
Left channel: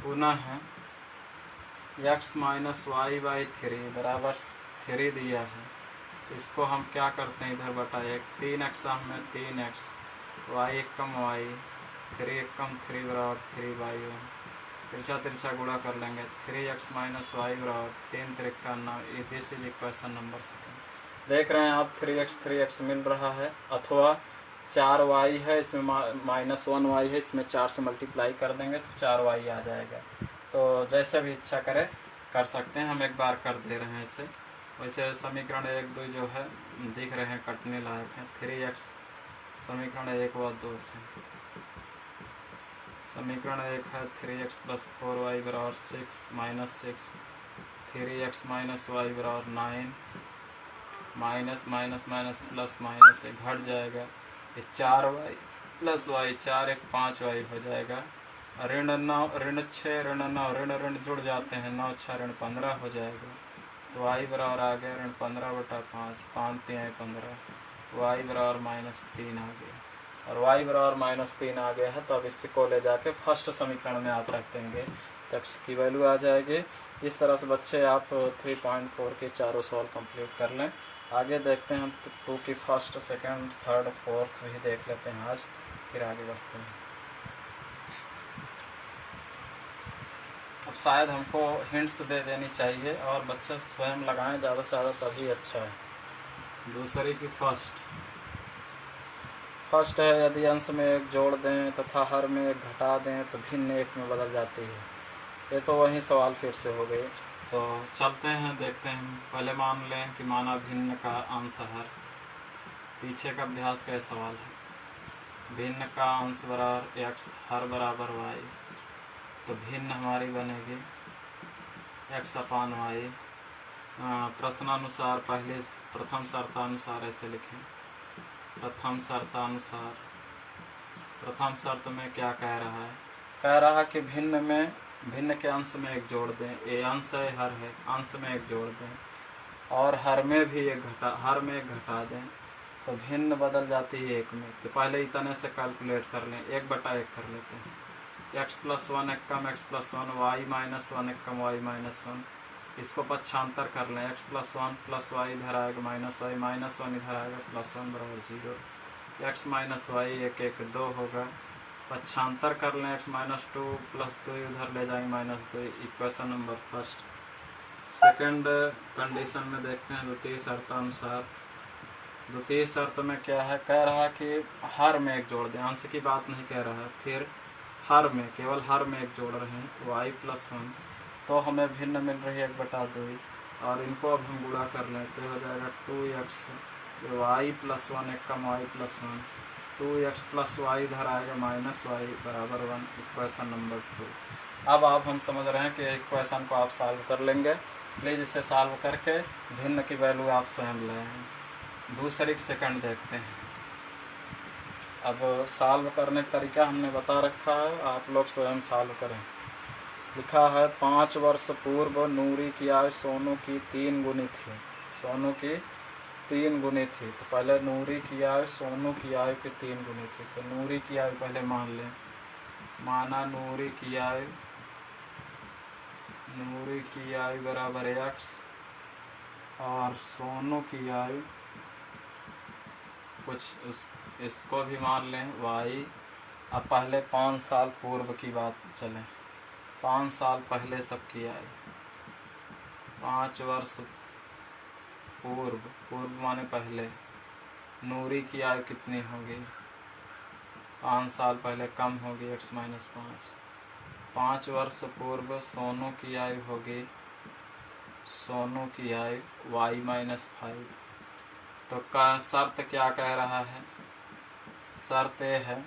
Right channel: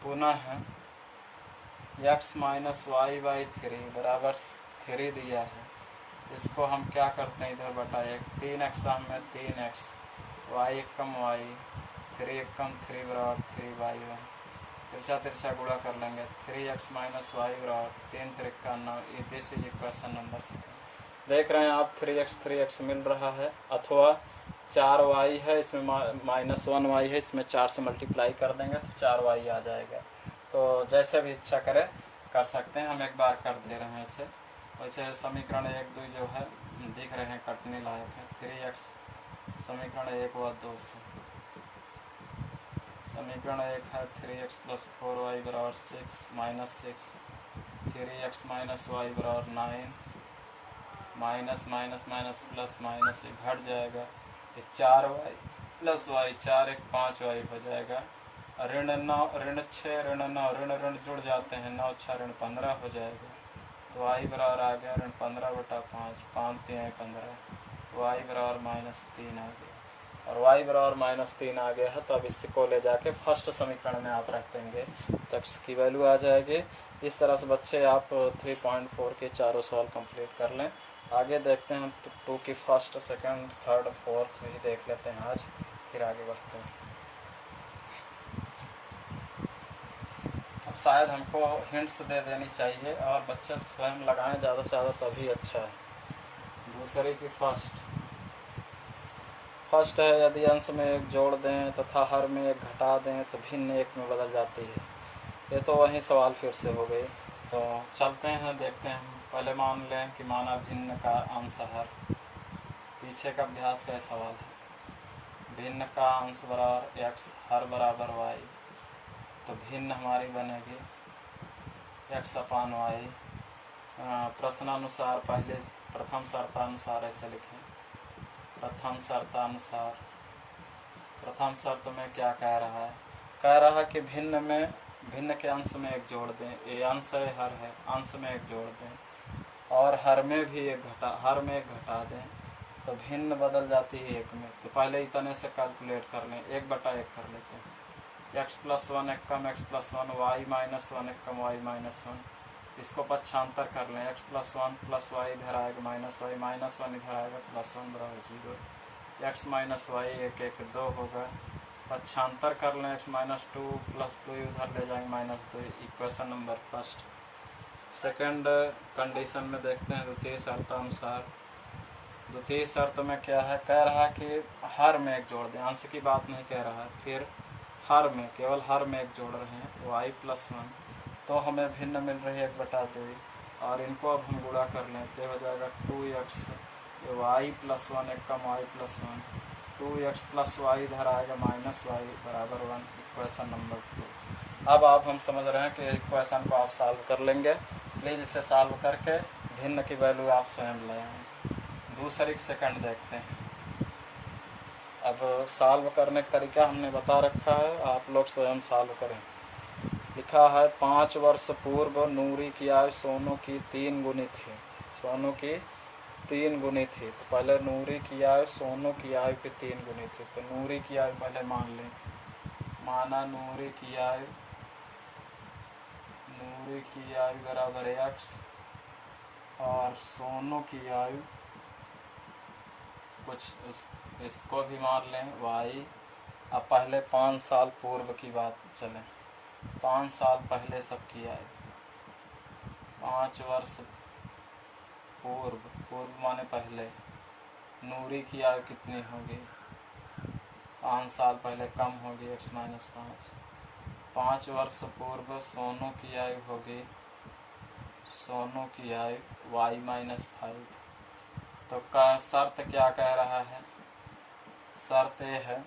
पुनः है x माइनस वाई बाई 3 बराबर 3 दिया है, इसको हम क्या करते हैं, इधर बटा 1, 3x में 3x, y कम y 3 कम 3 बराबर 3y1। तिरछा तिरछा गुणा कर लेंगे, 3x माइनस वाई बराबर 3 Trika 9। This is equation number 2। देख रहे हैं आप 3x मिल रहा है, अथवा 4y है, इसमें -1y है, इसमें 4 से मल्टीप्लाई कर देंगे तो 4y आ जाएगा। तो जैसे भी इच्छा करें कर सकते हैं, हम एक बार कर दे रहे हैं इसे। वैसे समीकरण 1 2 जो है दिख रहे हैं कटने लायक है। 3x समीकरण 1 व 2 से, समीकरण 1 है 3x प्लस 4y बराबर 6 -6, 3x माइनस वाई बराबर 9, minus minus minus plus minus ये घट जाएगा, ये 4y प्लस y 4 1 5y हो जाएगा। ऋण 9 ऋण 6 ऋण 9 ऋण ऋण जुड़ जाते हैं, 9 6 ऋण 15 हो जाएगा। तो y बराबर आ गया ऋण 15/5, 5 3 15, y बराबर -3 आ गया। और y बराबर -3 आ गया है, तो अब इसको ले जाके फर्स्ट समीकरण में आप रख देंगे तो x की वैल्यू आ जाएगी। इस तरह से बच्चे आप 3.4 के चारों सवाल कंप्लीट कर लें। आगे देखते हैं 2 की फर्स्ट सेकंड थर्ड फोर्थ भी देख लेते हैं आज, फिर आगे बढ़ते हैं। शायद हमको हिंट्स दे देनी चाहिए और बच्चे स्वयं लगाएं ज़्यादा से ज़्यादा, तभी अच्छा है। दूसरे की फर्स्ट है, यदि अंश में एक जोड़ दें तथा हर में एक घटा दें तो भिन्न एक में बदल जाती है। ये तो वही सवाल फिर से हो गए। तो चलते हैं, देखते हैं। पहले मान लें कि माना भिन्न का अंश हर। पीछे का अभ्यास का सवाल है। भिन्न का अंश बराबर x, हर बराबर y, तो भिन्न हमारी बनेगी x अपान y। प्रश्नानुसार पहले प्रथम शर्तानुसार ऐसे लिखें। प्रथम शर्तानुसार, प्रथम शर्त में क्या कह रहा है? कह रहा है कि भिन्न के अंश में एक जोड़ दें। ये अंश है, हर है, अंश में एक जोड़ दें और हर में भी एक घटा दें तो भिन्न बदल जाती है एक में। तो पहले इतने से कैलकुलेट कर लें, 1/1 कर लेते हैं। x + 1 एक कम x + 1, y - 1 एक कम y - 1। इसको पक्षांतर कर लें। x + 1 + y इधर आएगा -y, -1 इधर आएगा +1 बराबर 0। x - y 1 1 2 होगा। पक्षांतर कर लें। x - 2 + 2 उधर ले जाएंगे -2। Equation number first. Second condition में देखते हैं द्वितीय शर्तानुसार। द्वितीय शर्त में क्या है? कह रहा है कि हर में एक जोड़ दें, अंश की बात नहीं कह रहा है। फिर हर में, केवल हर में एक जोड़ रहे हैं y + 1, तो हमें भिन्न मिल रही है 1/2 और इनको अब हम गुणा कर लें तो हो जाएगा 2x y + 1 एक कम y + 1, 2x + y इधर आएगा -y बराबर 1। Equation number 2। अब हम समझ रहे हैं कि इक्वेशन को आप सॉल्व कर लेंगे। प्लीज़ इसे सॉल्व करके भिन्न की वैल्यू आप स्वयं लाएं। दूसरी सेकंड देखते हैं। अब सॉल्व करने का तरीका हमने बता रखा है, आप लोग स्वयं सॉल्व करें। लिखा है 5 वर्ष पूर्व नूरी की आयु सोनू की 3 गुनी थी। सोनू की 3 गुनी थी। तो पहले नूरी की आयु सोनू की आयु की 3 गुनी थी। तो नूरी की आयु पहले मान लें। माना नूरी की आयु बराबर x और सोनू की आयु कुछ इसको भी मान लें y। अब पहले 5 साल पूर्व की बात चलें। 5 साल पहले सबकी आयु, 5 वर्ष पूर्व माने पहले, नूरी की आयु कितनी होगी? 5 साल पहले कम होगी x - 5। 5 वर्ष पूर्व सोनू की आयु होगी, सोनू की आयु y - 5। तो शर्त क्या कह रहा है? शर्त यह है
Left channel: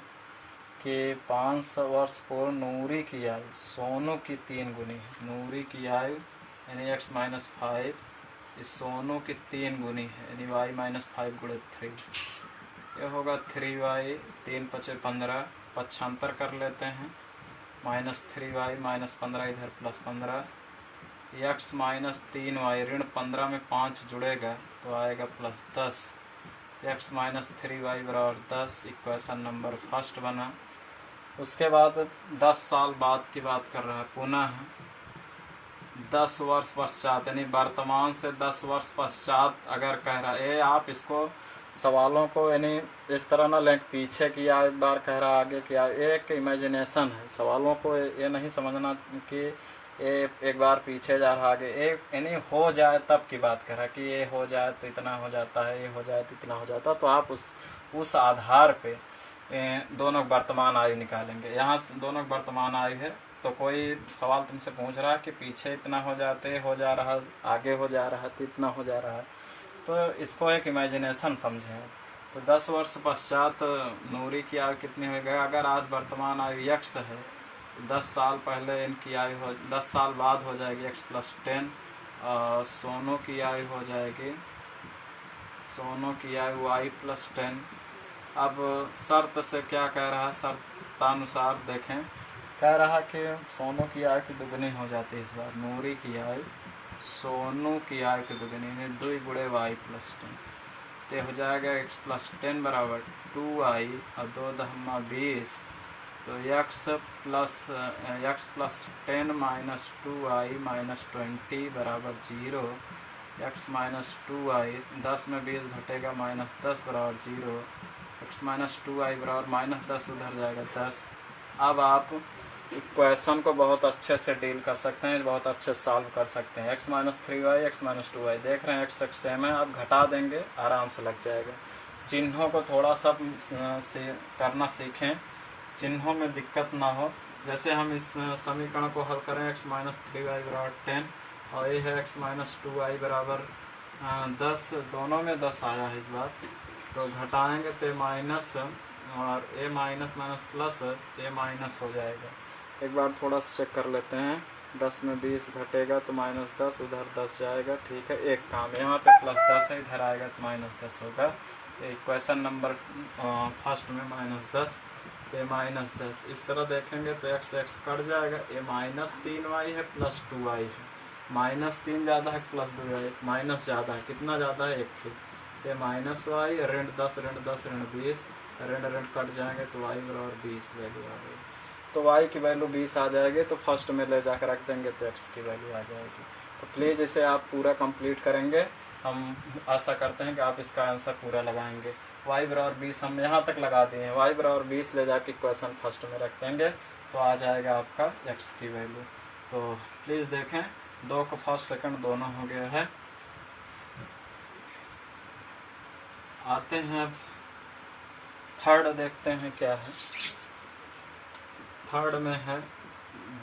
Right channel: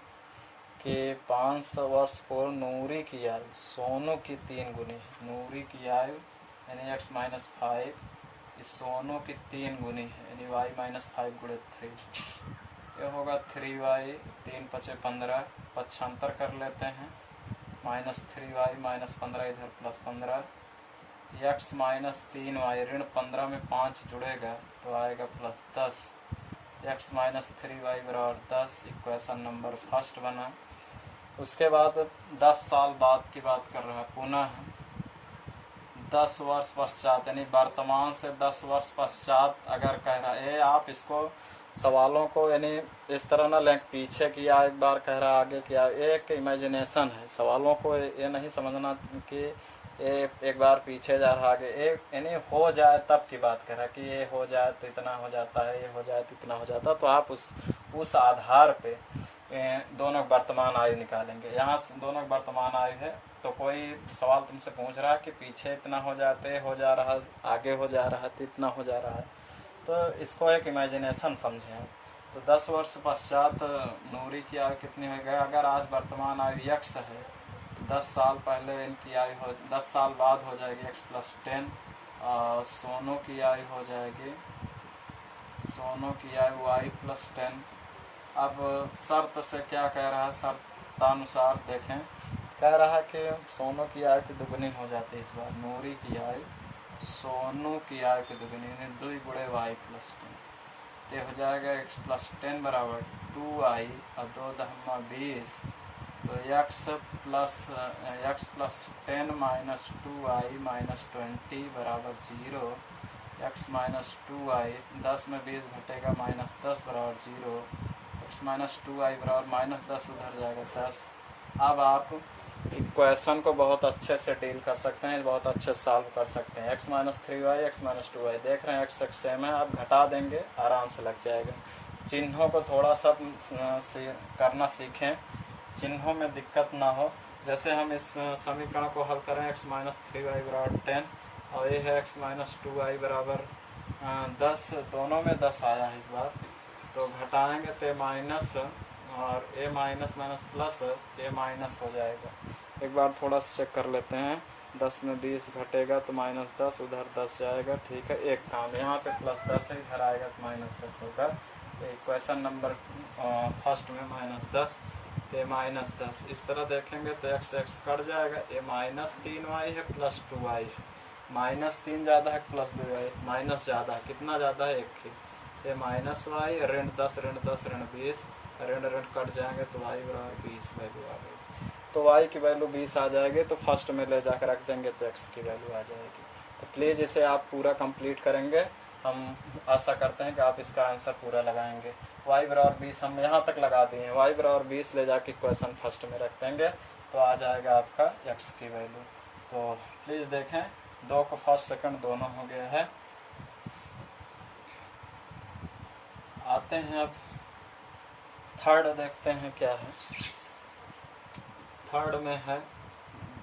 कि 5 वर्ष पूर्व नूरी की आयु सोनू की 3 गुनी है। नूरी की आयु यानी x - 5 इस सोनू की 3 गुनी है, यानी y - 5 × 3। यह होगा 3y, 3 × 5 = 15। पक्षांतर कर लेते हैं। -3y -15 इधर +15, x - 3y ऋण 15 में 5 जुड़ेगा तो आएगा +10। x - 3y बराबर 10। इक्वेशन नंबर फर्स्ट बना। उसके बाद 10 साल बाद की बात कर रहा है। पुनः 10 वर्ष पश्चात, यानी वर्तमान से 10 वर्ष पश्चात अगर कह रहा है। आप इसको सवालों को यानी इस तरह ना लें पीछे किया एक बार कह रहा आगे किया। एक इमेजिनेशन है। सवालों को ये नहीं समझना कि एक बार पीछे जा रहा आगे। यानी हो जाए तब की बात कर रहा है कि ये हो जाए तो इतना हो जाता है, ये हो जाए तो इतना हो जाता है। तो आप उस आधार पे दोनों वर्तमान आयु निकालेंगे। यहाँ दोनों वर्तमान आयु है तो कोई सवाल तुमसे पूछ रहा है कि पीछे इतना हो जाते हो जा रहा, आगे हो जा रहा तो इतना हो जा रहा है, तो इसको एक इमेजिनेशन समझें। तो 10 वर्ष पश्चात नूरी की आयु कितनी होगी? अगर आज वर्तमान आयु x है तो 10 साल पहले इनकी आयु 10 साल बाद हो जाएगी x + 10। सोनू की आयु हो जाएगी, सोनू की आयु y + 10। अब शर्त से क्या कह रहा है? शर्तानुसार देखें, कह रहा कि सोनू की आयु की दुगनी हो जाती है। इस बार नूरी की आयु सोनू की आयु की दुगनी, 2 × y + 10। तो हो जाएगा x + 10 बराबर 2y और 2 × 20। तो x + 10 - 2y - 20 बराबर 0। x - 2y 10 में 20 घटेगा -10 बराबर 0। x - 2y बराबर -10 उधर जाएगा 10। अब आप इक्वेशन को बहुत अच्छे से डील कर सकते हैं, बहुत अच्छे सॉल्व कर सकते हैं। x minus 3y x minus 2y देख रहे हैं, x सेम है, आप घटा देंगे आराम से लग जाएगा। चिन्हों को थोड़ा सा करना सीखें, चिन्हों में दिक्कत ना हो। जैसे हम इस समीकरण को हल करें, x माइनस 3y बराबर 10 और ये है x माइनस 2y बराबर 10, दोनों में 10 आया है इस बार, तो घटाएंगे तो माइनस और a minus minus plus a minus हो जाएगा। एक बार थोड़ा सा चेक कर लेते हैं, 10 में 20 घटेगा तो माइनस 10, उधर 10 जाएगा, ठीक है। एक काम यहाँ पे प्लस 10 है, इधर आएगा तो माइनस 10 होगा। इक्वेशन नंबर फर्स्ट में माइनस 10 ए माइनस 10, इस तरह देखेंगे तो x कट जाएगा, ए माइनस 3y है प्लस 2y है, माइनस 3 ज़्यादा है प्लस 2y, माइनस ज़्यादा है, कितना ज़्यादा है 1 ही, ये माइनस y, ऋण 10 ऋण 10 ऋण 20, ऋण कट जाएंगे तो y बराबर 20 वैल्यू आ गई। तो y की वैल्यू 20 आ जाएगी, तो फर्स्ट में ले जाकर रख देंगे तो x की वैल्यू आ जाएगी। तो प्लीज़ इसे आप पूरा कंप्लीट करेंगे, हम आशा करते हैं कि आप इसका आंसर पूरा लगाएंगे। y बराबर 20 हम यहाँ तक लगा दिए हैं, y बराबर 20 ले जाके क्वेश्चन फर्स्ट में रख देंगे तो आ जाएगा आपका x की वैल्यू। तो प्लीज़ देखें, 2 को फर्स्ट सेकंड दोनों हो गया है। आते हैं अब थर्ड, देखते हैं क्या है। थर्ड में है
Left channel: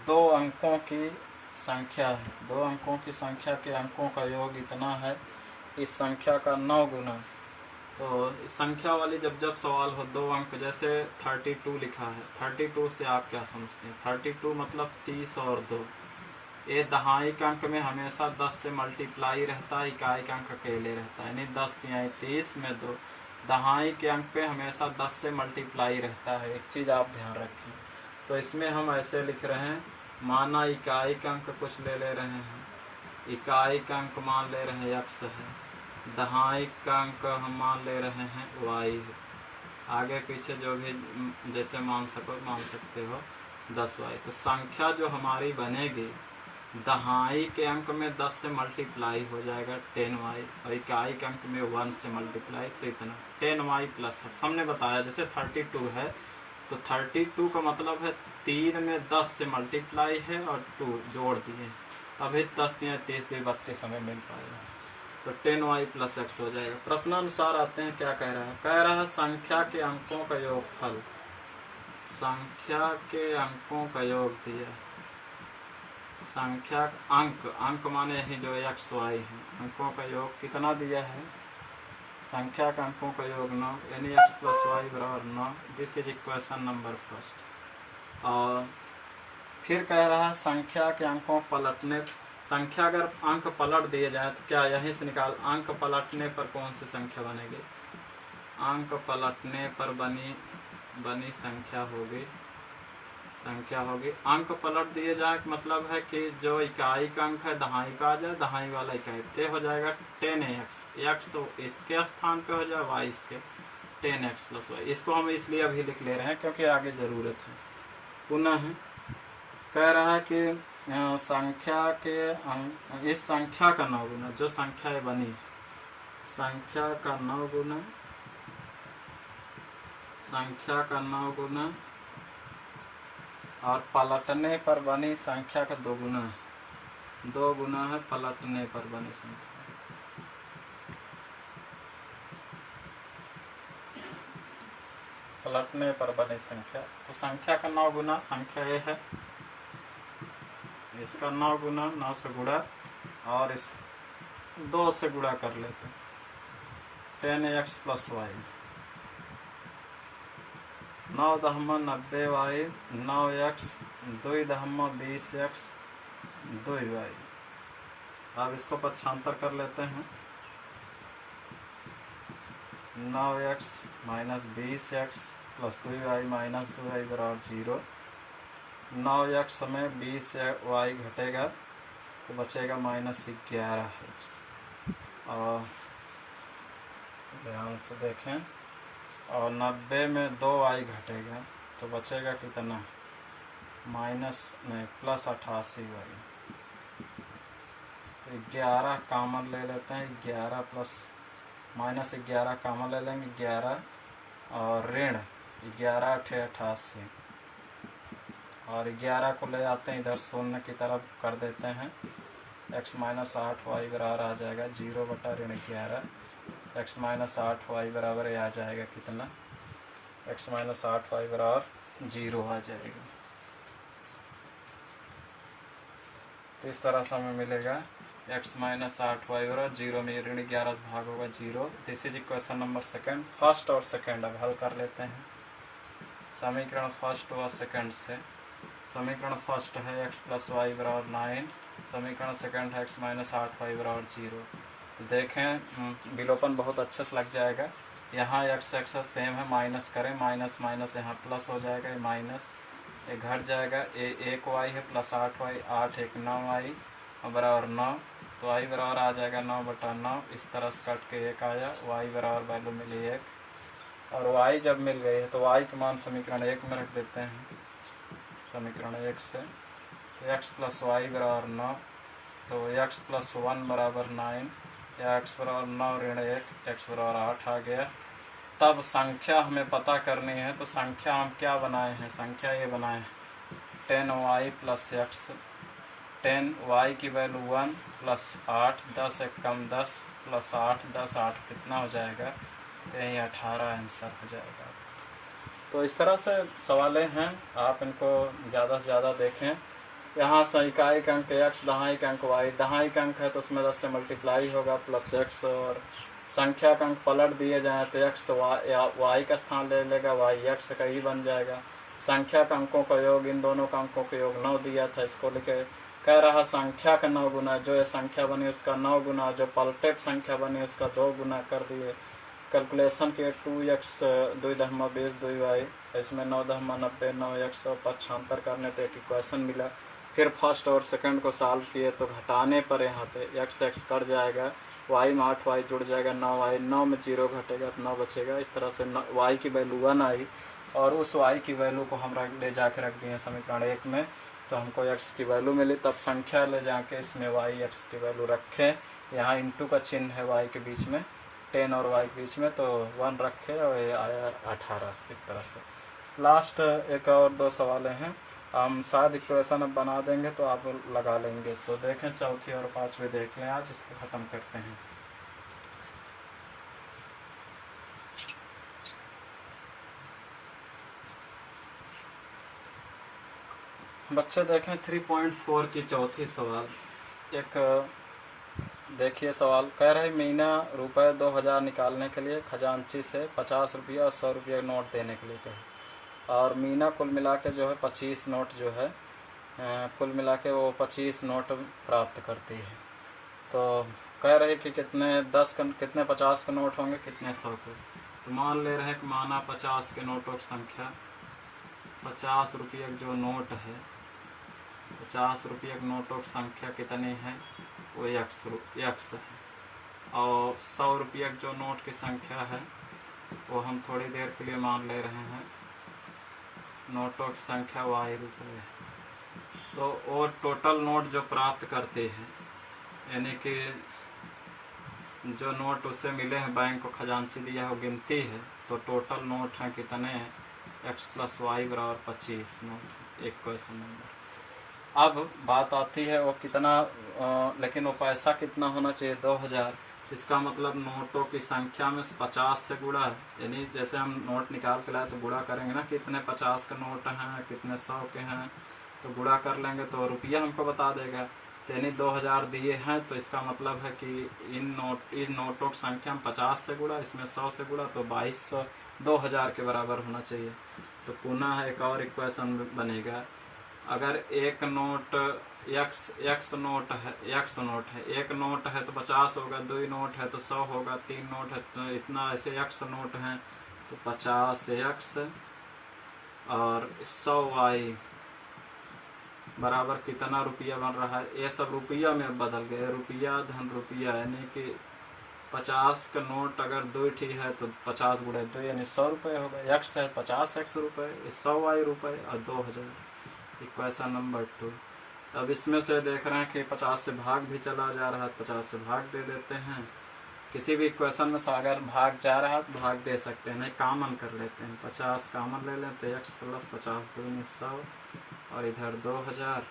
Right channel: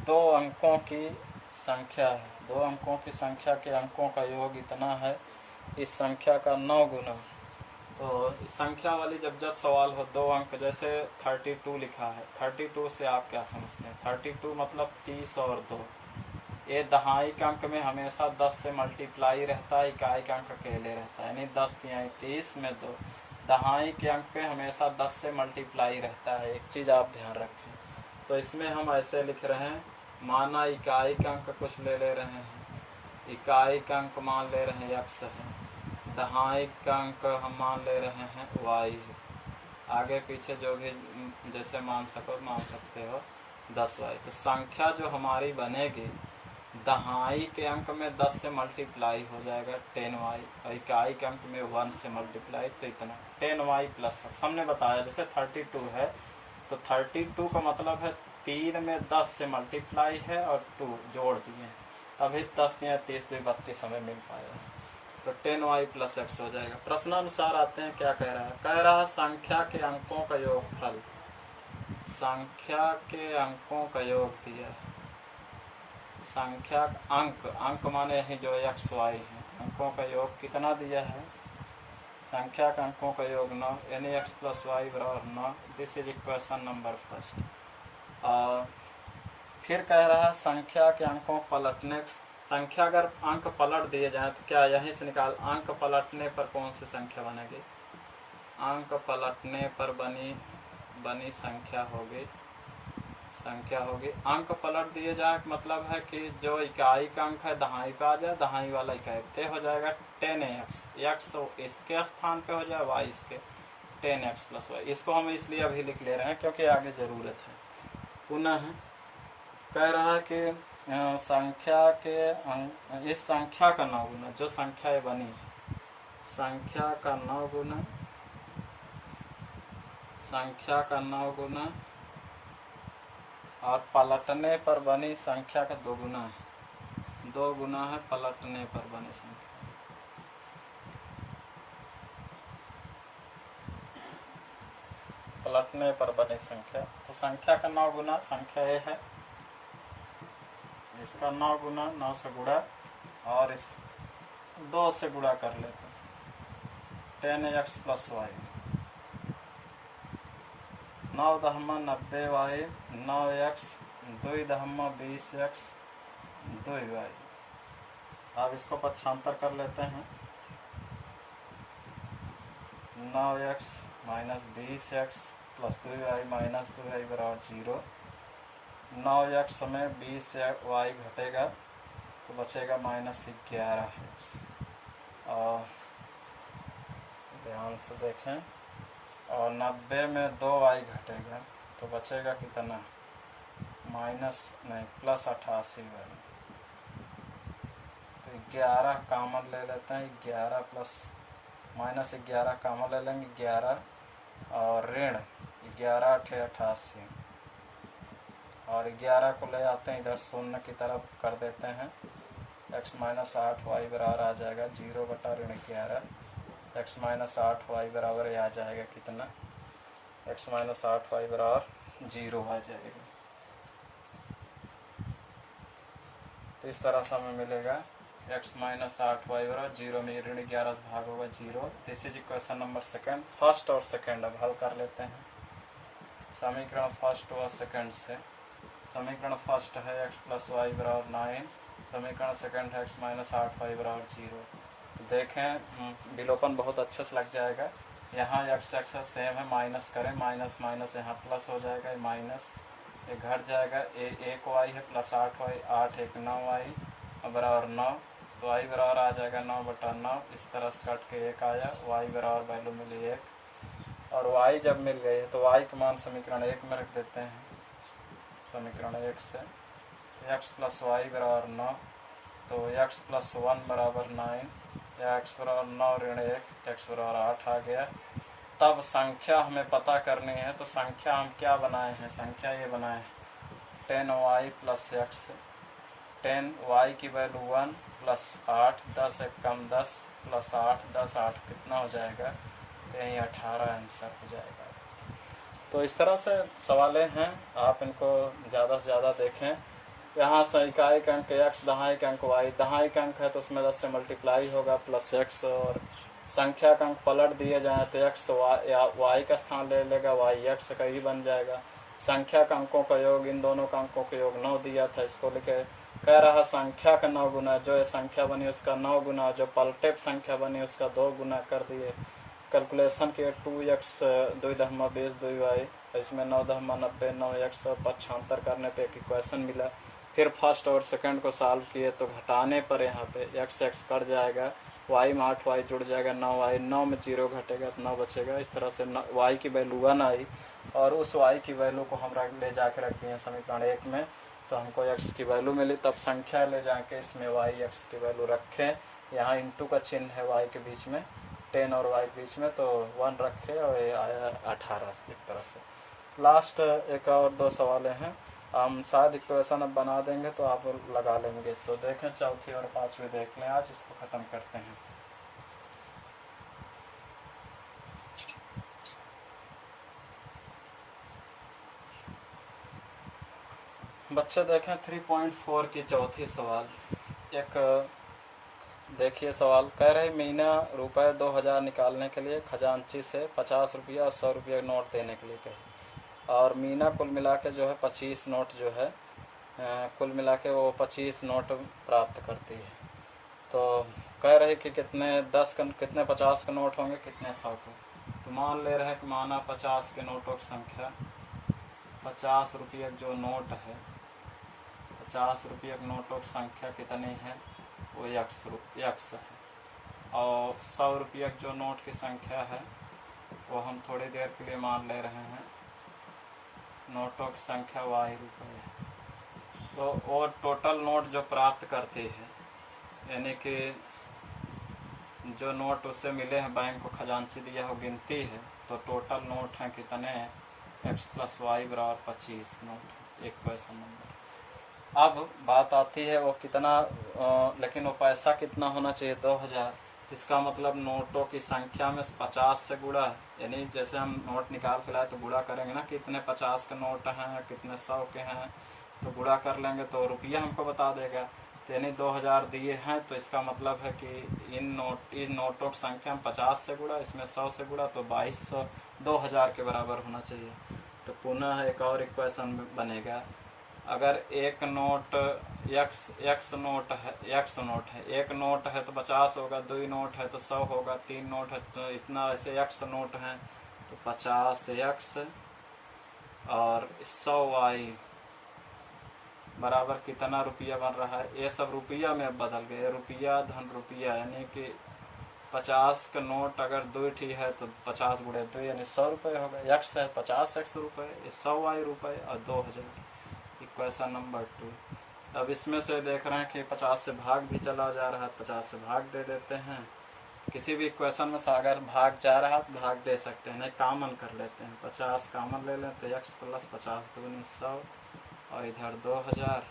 2 अंकों की संख्या है, 2 अंकों की संख्या के अंकों का योग इतना है, इस संख्या का 9 गुना। तो इस संख्या वाली जब सवाल हो 2 अंक, जैसे 32 लिखा है, 32 से आप क्या समझते हैं? 32 मतलब 30 और 2। ये दहाई के अंक में हमेशा 10 से मल्टीप्लाई रहता है, इकाई का अंक अकेले रहता है, यानी 10 तिहाई 30 में 2। दहाई के अंक पे हमेशा 10 से मल्टीप्लाई रहता है, एक चीज़ आप ध्यान रखें। तो इसमें हम ऐसे लिख रहे हैं, माना इकाई का अंक कुछ ले रहे हैं, इकाई का अंक मान ले रहे हैं x है, दहाई का अंक हम मान ले रहे हैं y है, आगे पीछे जो भी जैसे मान सकते हो 10y। तो संख्या जो हमारी बनेगी, दहाई के अंक में 10 से मल्टीप्लाई हो जाएगा 10y, और इकाई के अंक में 1 से मल्टीप्लाई, तो इतना 10y प्लस हमने बताया। जैसे 32 है तो 32 का मतलब है 3 में 10 से मल्टीप्लाई है और 2 जोड़ दिए, तभी 10 या 30 32 हमें मिल पाएगा। तो 10y प्लस x हो जाएगा। प्रश्नानुसार आते हैं, क्या कह रहा है? कह रहा है संख्या के अंकों का योगफल, संख्या के अंकों का योग दिया, संख्या अंक माने यही जो x y है, अंकों का योग कितना दिया है? संख्या के अंकों का योग 9, यानी x प्लस वाई बराबर 9। This is equation number first. और फिर कह रहा है संख्या के अंकों पलटने, संख्या अगर अंक पलट दिए जाए तो क्या यहीं से निकाल, अंक पलटने पर कौन सी संख्या बनेगी? अंक पलटने पर बनी संख्या होगी, अंक पलट दिए जाए मतलब है कि जो इकाई का अंक है दहाई का आ जाए, दहाई वाला इकाई ते हो जाएगा 10x, x इसके स्थान पे हो जाए, y इसके 10x प्लस y। इसको हम इसलिए अभी लिख ले रहे हैं क्योंकि आगे ज़रूरत है। पुनः कह रहा है कि संख्या के इस संख्या का 9 गुना, जो संख्या बनी संख्या का 9 गुना, संख्या का 9 गुना, और पलटने पर बनी संख्या का 2 गुना है, 2 गुना है पलटने पर बनी संख्या। पलटने पर बनी संख्या, तो संख्या का 9 गुना संख्या ये है, इसका 9 गुना, 9 से गुणा और इस 2 से गुणा कर लेते, 10x plus Y, 9 दहमा 90y, 9x, 2 दहमा 20x, 2y। अब इसको पक्षांतर कर लेते हैं, 9x minus 20x plus 2y minus 2y बराबर 0। 9x में 20y घटेगा तो बचेगा माइनस 11x। और ध्यान से देखें, और 90 में 2y घटेगा तो बचेगा कितना? माइनस में प्लस 88y। तो 11 कॉमन ले लेते हैं, 11 प्लस माइनस 11 कॉमन ले लेंगे, 11 और ऋण 11 × 88, और 11 को ले आते हैं इधर शून्य की तरफ कर देते हैं। x माइनस 8y बराबर आ जाएगा 0 बटा ऋण 11। x माइनस 8y बराबर आ जाएगा कितना, x माइनस 8y बराबर 0 आ जाएगा। तो इस तरह से हमें मिलेगा x माइनस 8y बराबर 0 में ऋण 11 से भाग होगा 0। This is equation number second. First और सेकेंड अब हल कर लेते हैं। समीकरण फर्स्ट और सेकेंड से, समीकरण फर्स्ट है x प्लस वाई बराबर 9, समीकरण सेकेंड है x माइनस 8y बराबर 0। देखें विलोपन बहुत अच्छे से लग जाएगा। यहाँ x एक्स सेम है, माइनस करें, माइनस माइनस यहाँ प्लस हो जाएगा, माइनस ये घट जाएगा। एक y है प्लस 8y, 8 एक 9y बराबर 9, तो y बराबर आ जाएगा 9 बटा 9। इस तरह से कट के 1 आया, y बराबर वैल्यू मिली 1। और y जब मिल गई है तो y का मान समीकरण 1 में रख देते हैं। समीकरण 1 से तो x प्लस वाई बराबर 9, तो x प्लस 1 बराबर 9 या x बराबर 9 ऋण 1, x बराबर 8 आ गया। तब संख्या हमें पता करनी है, तो संख्या हम क्या बनाए हैं, संख्या ये बनाए 10y प्लस x, 10y की वैल्यू 1 प्लस 8, 10 एक कम 10 प्लस 8, 10 8 कितना हो जाएगा, तो यही 18 आंसर हो जाएगा। तो इस तरह से सवालें हैं, आप इनको ज़्यादा से ज़्यादा देखें। यहाँ से इकाई अंक x, दहाई अंक y, दहाई अंक है तो उसमें 10 से मल्टीप्लाई होगा प्लस x, और संख्या का अंक पलट दिए जाए तो x y का स्थान ले लेगा, y x का ही बन जाएगा। संख्या का अंकों का योग, इन दोनों का अंकों का योग 9 दिया था, इसको लेके कह रहा संख्या का 9 गुना, जो ये संख्या बनी उसका 9 गुना, जो पलटे संख्या बनी उसका 2 गुना कर दिए। कैलकुलेशन किए 2x 2 2y, इसमें 9 90 9x 75 करने पे एक इक्वेशन मिला। फिर फर्स्ट और सेकंड को सॉल्व किए तो घटाने पर यहाँ पे x कट जाएगा, y में 8y जुड़ जाएगा, 9y, 9 में 0 घटेगा तो 9 बचेगा। इस तरह से y की वैल्यू 1 आई, और उस y की वैल्यू को हम ले जाकर रख दिए समीकरण 1 में, तो हमको x की वैल्यू मिली। तब संख्या ले जाके इसमें y x की वैल्यू रखें, यहाँ इंटू का चिन्ह है y के बीच में, 10 और y के बीच में, तो 1 रखे और ये आया 18 से। एक तरह से लास्ट एक और 2 सवाल हैं, हम शायद इक्वेशन अब बना देंगे तो आप लगा लेंगे। तो देखें चौथी और पांचवी देख लें, आज इसको ख़त्म करते हैं। बच्चे देखें 3.4 की चौथी सवाल। एक देखिए सवाल कह रहे मीना रुपये 2000 निकालने के लिए खजांची से 50 रुपया और 100 रुपया नोट देने के लिए कहे, और मीना कुल मिला के जो है 25 नोट जो है कुल मिला के वो 25 नोट प्राप्त करती है। तो कह रहे कि कितने 50 के नोट होंगे, कितने 100 के। तो मान ले रहे हैं कि माना 50 के नोटों की संख्या, 50 रुपये जो नोट है, 50 रुपये के नोटों की संख्या कितनी है, वो x है। और 100 रुपये जो नोट की संख्या है वो हम थोड़ी देर के लिए मान ले रहे हैं नोटों की संख्या y रुपये है। तो और टोटल नोट जो प्राप्त करती है, यानी कि जो नोट उससे मिले हैं, बैंक को खजांची दिया है, वो गिनती है, तो टोटल नोट हैं कितने हैं, x प्लस वाई बराबर 25 नोट। एक क्वेश्चन नंबर। अब बात आती है वो कितना लेकिन वो पैसा कितना होना चाहिए, 2000। इसका मतलब नोटों की संख्या में 50 से गुणा है, यानी जैसे हम नोट निकाल के लाए तो गुणा करेंगे ना, कितने 50 के नोट हैं, कितने 100 के हैं, तो गुणा कर लेंगे तो रुपया हमको बता देगा। तो यानी 2000 दिए हैं, तो इसका मतलब है कि इन नोटों की संख्या में 50 से गुणा, इसमें 100 से गुणा, तो 2200 2000 के बराबर होना चाहिए। तो पुनः एक और इक्वेशन बनेगा, अगर एक नोट x नोट है, एक नोट है तो 50 होगा, 2 नोट है तो 100 होगा, 3 नोट है तो इतना, ऐसे x नोट हैं तो 50x और 100y बराबर कितना रुपया बन रहा है। ये सब रुपया में बदल गए, रुपया धन रुपया, यानी कि 50 का नोट अगर 2 है तो 50 गुणे 2 यानी 100 रुपये होगा। x है 50x रुपये, 100y रुपये और 2000। Equation number 2। अब इसमें से देख रहे हैं कि 50 से भाग भी चला जा रहा है, 50 से भाग दे देते हैं। किसी भी इक्वेशन में से अगर भाग जा रहा है तो भाग दे सकते हैं, नहीं कॉमन कर लेते हैं, 50 कॉमन ले लेते हैं, x प्लस 50 2 100 और इधर 2000।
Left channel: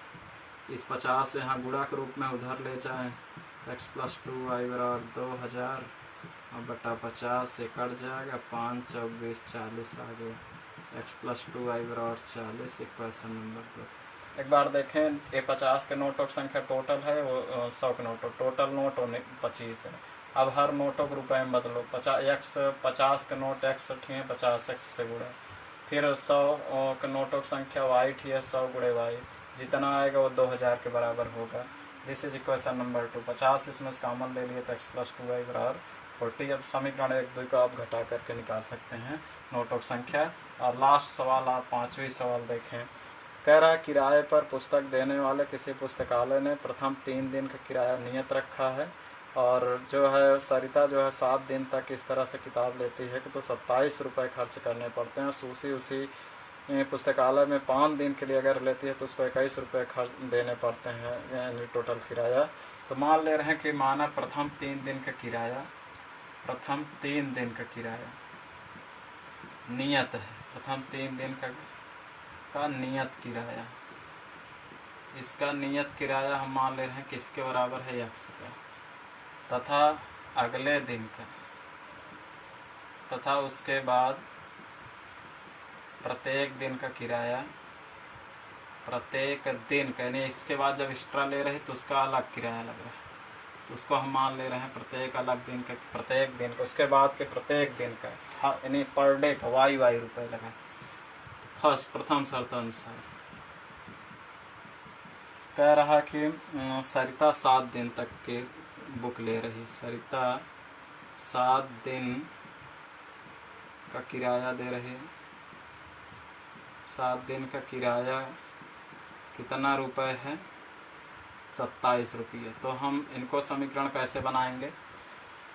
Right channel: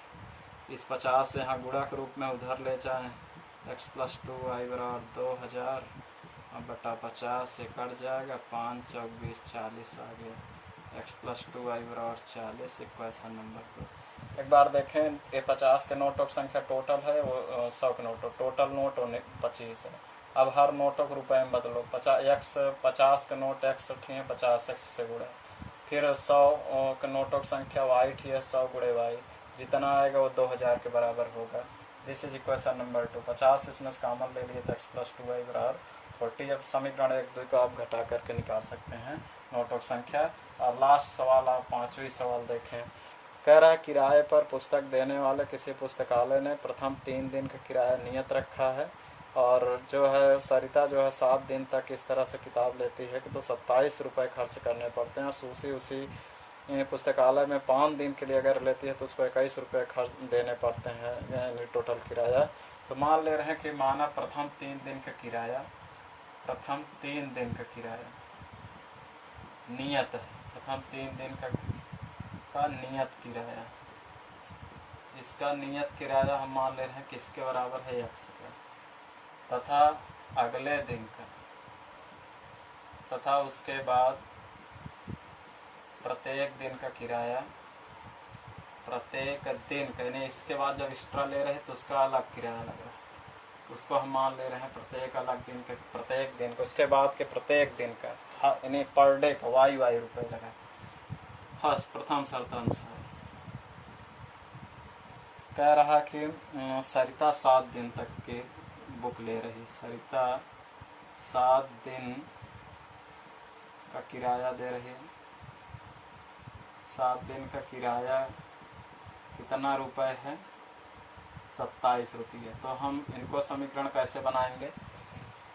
इस 50 से यहाँ गुणा के रूप में उधर ले जाएं, x + 2y बराबर 2000 और बटा 50 से कट जाएगा, 5 × 4 = 40 आ गया। x + 2y बराबर 40। Equation number 2। एक बार देखें, ये 50 के नोटों की संख्या टोटल है, वो 100 के नोटों टोटल नोट 25 है। अब हर नोटों को रुपए में बदलो। 50 के नोट x उठिए, 50 x से गुणा। फिर 100 के नोटों की संख्या y थी, 100 × y, जितना आएगा वो 2000 के बराबर होगा। This is equation number 2। 50 इसमें से कॉमन ले लिए तो x + 2y बराबर 40। अब समीकरण 1, 2 का आप घटा करके निकाल सकते हैं नोटों की संख्या। और लास्ट सवाल, आप 5वीं सवाल देखें। कह रहा है किराए पर पुस्तक देने वाले किसी पुस्तकालय ने प्रथम 3 दिन का किराया नियत रखा है, और जो है सरिता जो है 7 दिन तक इस तरह से किताब लेती है कि तो 27 रुपये खर्च करने पड़ते हैं। सूसी उसी पुस्तकालय में 5 दिन के लिए अगर लेती है तो उसको 21 रुपये खर्च देने पड़ते हैं, यानी टोटल किराया। तो मान ले रहे हैं कि माना प्रथम 3 दिन का किराया नियत है। प्रथम 3 दिन का नियत किराया, इसका नियत किराया हम मान ले रहे हैं किसके बराबर है, x का, तथा अगले दिन का, तथा उसके बाद प्रत्येक दिन का किराया, प्रत्येक दिन का, यानी इसके बाद जब एक्स्ट्रा ले रहे तो उसका अलग किराया लग रहा है, उसको हम मान ले रहे हैं प्रत्येक अलग दिन का, प्रत्येक दिन का। उसके बाद के प्रत्येक दिन का, यानी पर डे का y रुपये लगा। फर्स्ट प्रथम शर्त अनुसार कह रहा कि सरिता 7 दिन तक की बुक ले रही। सरिता 7 दिन का किराया दे रही है। 7 दिन का किराया कितना रुपए है, 27 रुपये। तो हम इनको समीकरण कैसे बनाएंगे,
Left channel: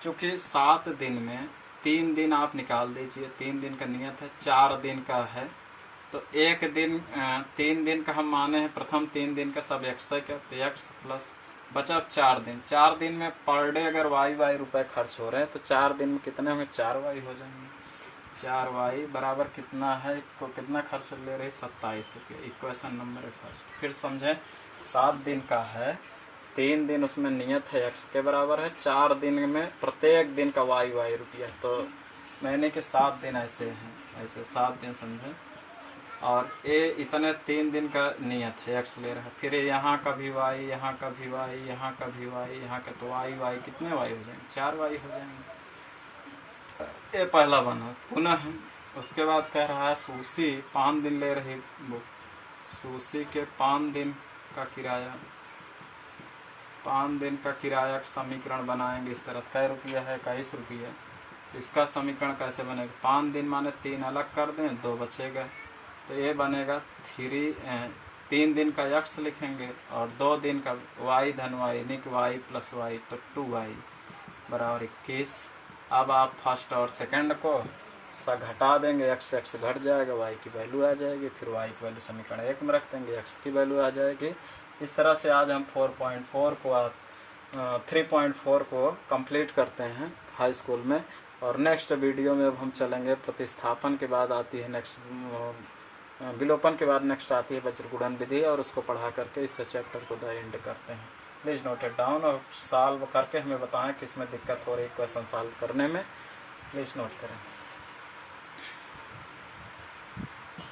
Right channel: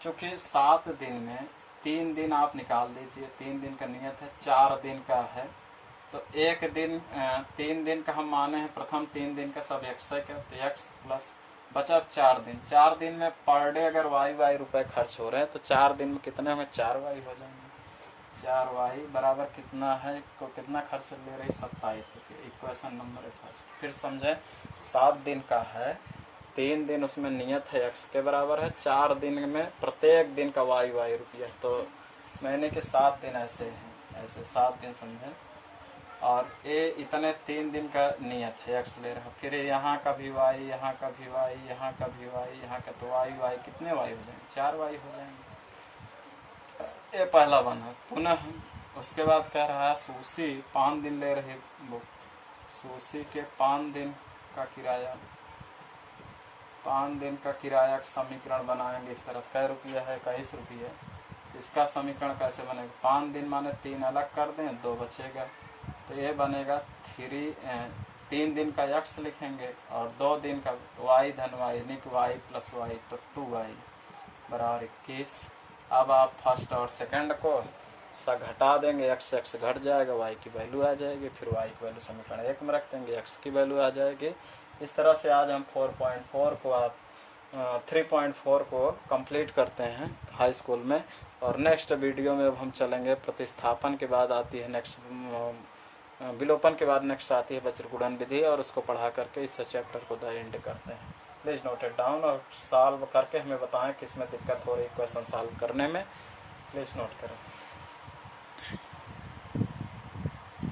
चूँकि 7 दिन में 3 दिन आप निकाल दीजिए, 3 दिन का नियत है, 4 दिन का है, तो 1 दिन 3 दिन का हम माने हैं, प्रथम 3 दिन का सब x है, तो x प्लस बचा 4 दिन। 4 दिन में पर डे अगर y रुपए खर्च हो रहे हैं तो 4 दिन में कितने हमें 4y हो जाएंगे। 4y बराबर कितना है, तो कितना खर्च ले रही, 27 रुपये। Equation number 1। फिर समझें, 7 दिन का है, 3 दिन उसमें नियत है x के बराबर है, 4 दिन में प्रत्येक दिन का y रुपया, तो मैंने कि 7 दिन ऐसे हैं, ऐसे 7 दिन समझें। और ये इतने 3 दिन का नियत है, x ले रहा है। फिर यहाँ का भी y, यहाँ का भी y, यहाँ का भी y, यहाँ का, तो y कितने y हो जाएंगे, 4y हो जाएंगे। ये पहला बना। पुनः उसके बाद कह रहा है सूसी 5 दिन ले रही बुक, सूसी के 5 दिन का किराया, 5 दिन का किराया का समीकरण बनाएंगे इस तरह से। कै रुपया है, 21 रुपये। इसका समीकरण कैसे बनेगा, 5 दिन माने 3 अलग कर दें, 2 बचेगा, तो ये बनेगा 3 दिन का x लिखेंगे और 2 दिन का y धन y, यानी कि y + y, तो 2y बराबर 21। अब आप फर्स्ट और सेकंड को घटा देंगे, x घट जाएगा, y की वैल्यू आ जाएगी, फिर y की वैल्यू समीकरण 1 में रख देंगे, x की वैल्यू आ जाएगी। इस तरह से आज हम 3.4 को कंप्लीट करते हैं हाई स्कूल में। और नेक्स्ट वीडियो में अब हम चलेंगे प्रतिस्थापन के बाद आती है नेक्स्ट, विलोपन के बाद नेक्स्ट आती है वज्रगुणन विधि, और उसको पढ़ा करके इस चैप्टर को द एंड करते हैं। प्लीज़ नोट इट डाउन और सॉल्व करके हमें बताएं कि इसमें दिक्कत हो रही है क्वेश्चन सॉल्व करने में। प्लीज़ नोट करें।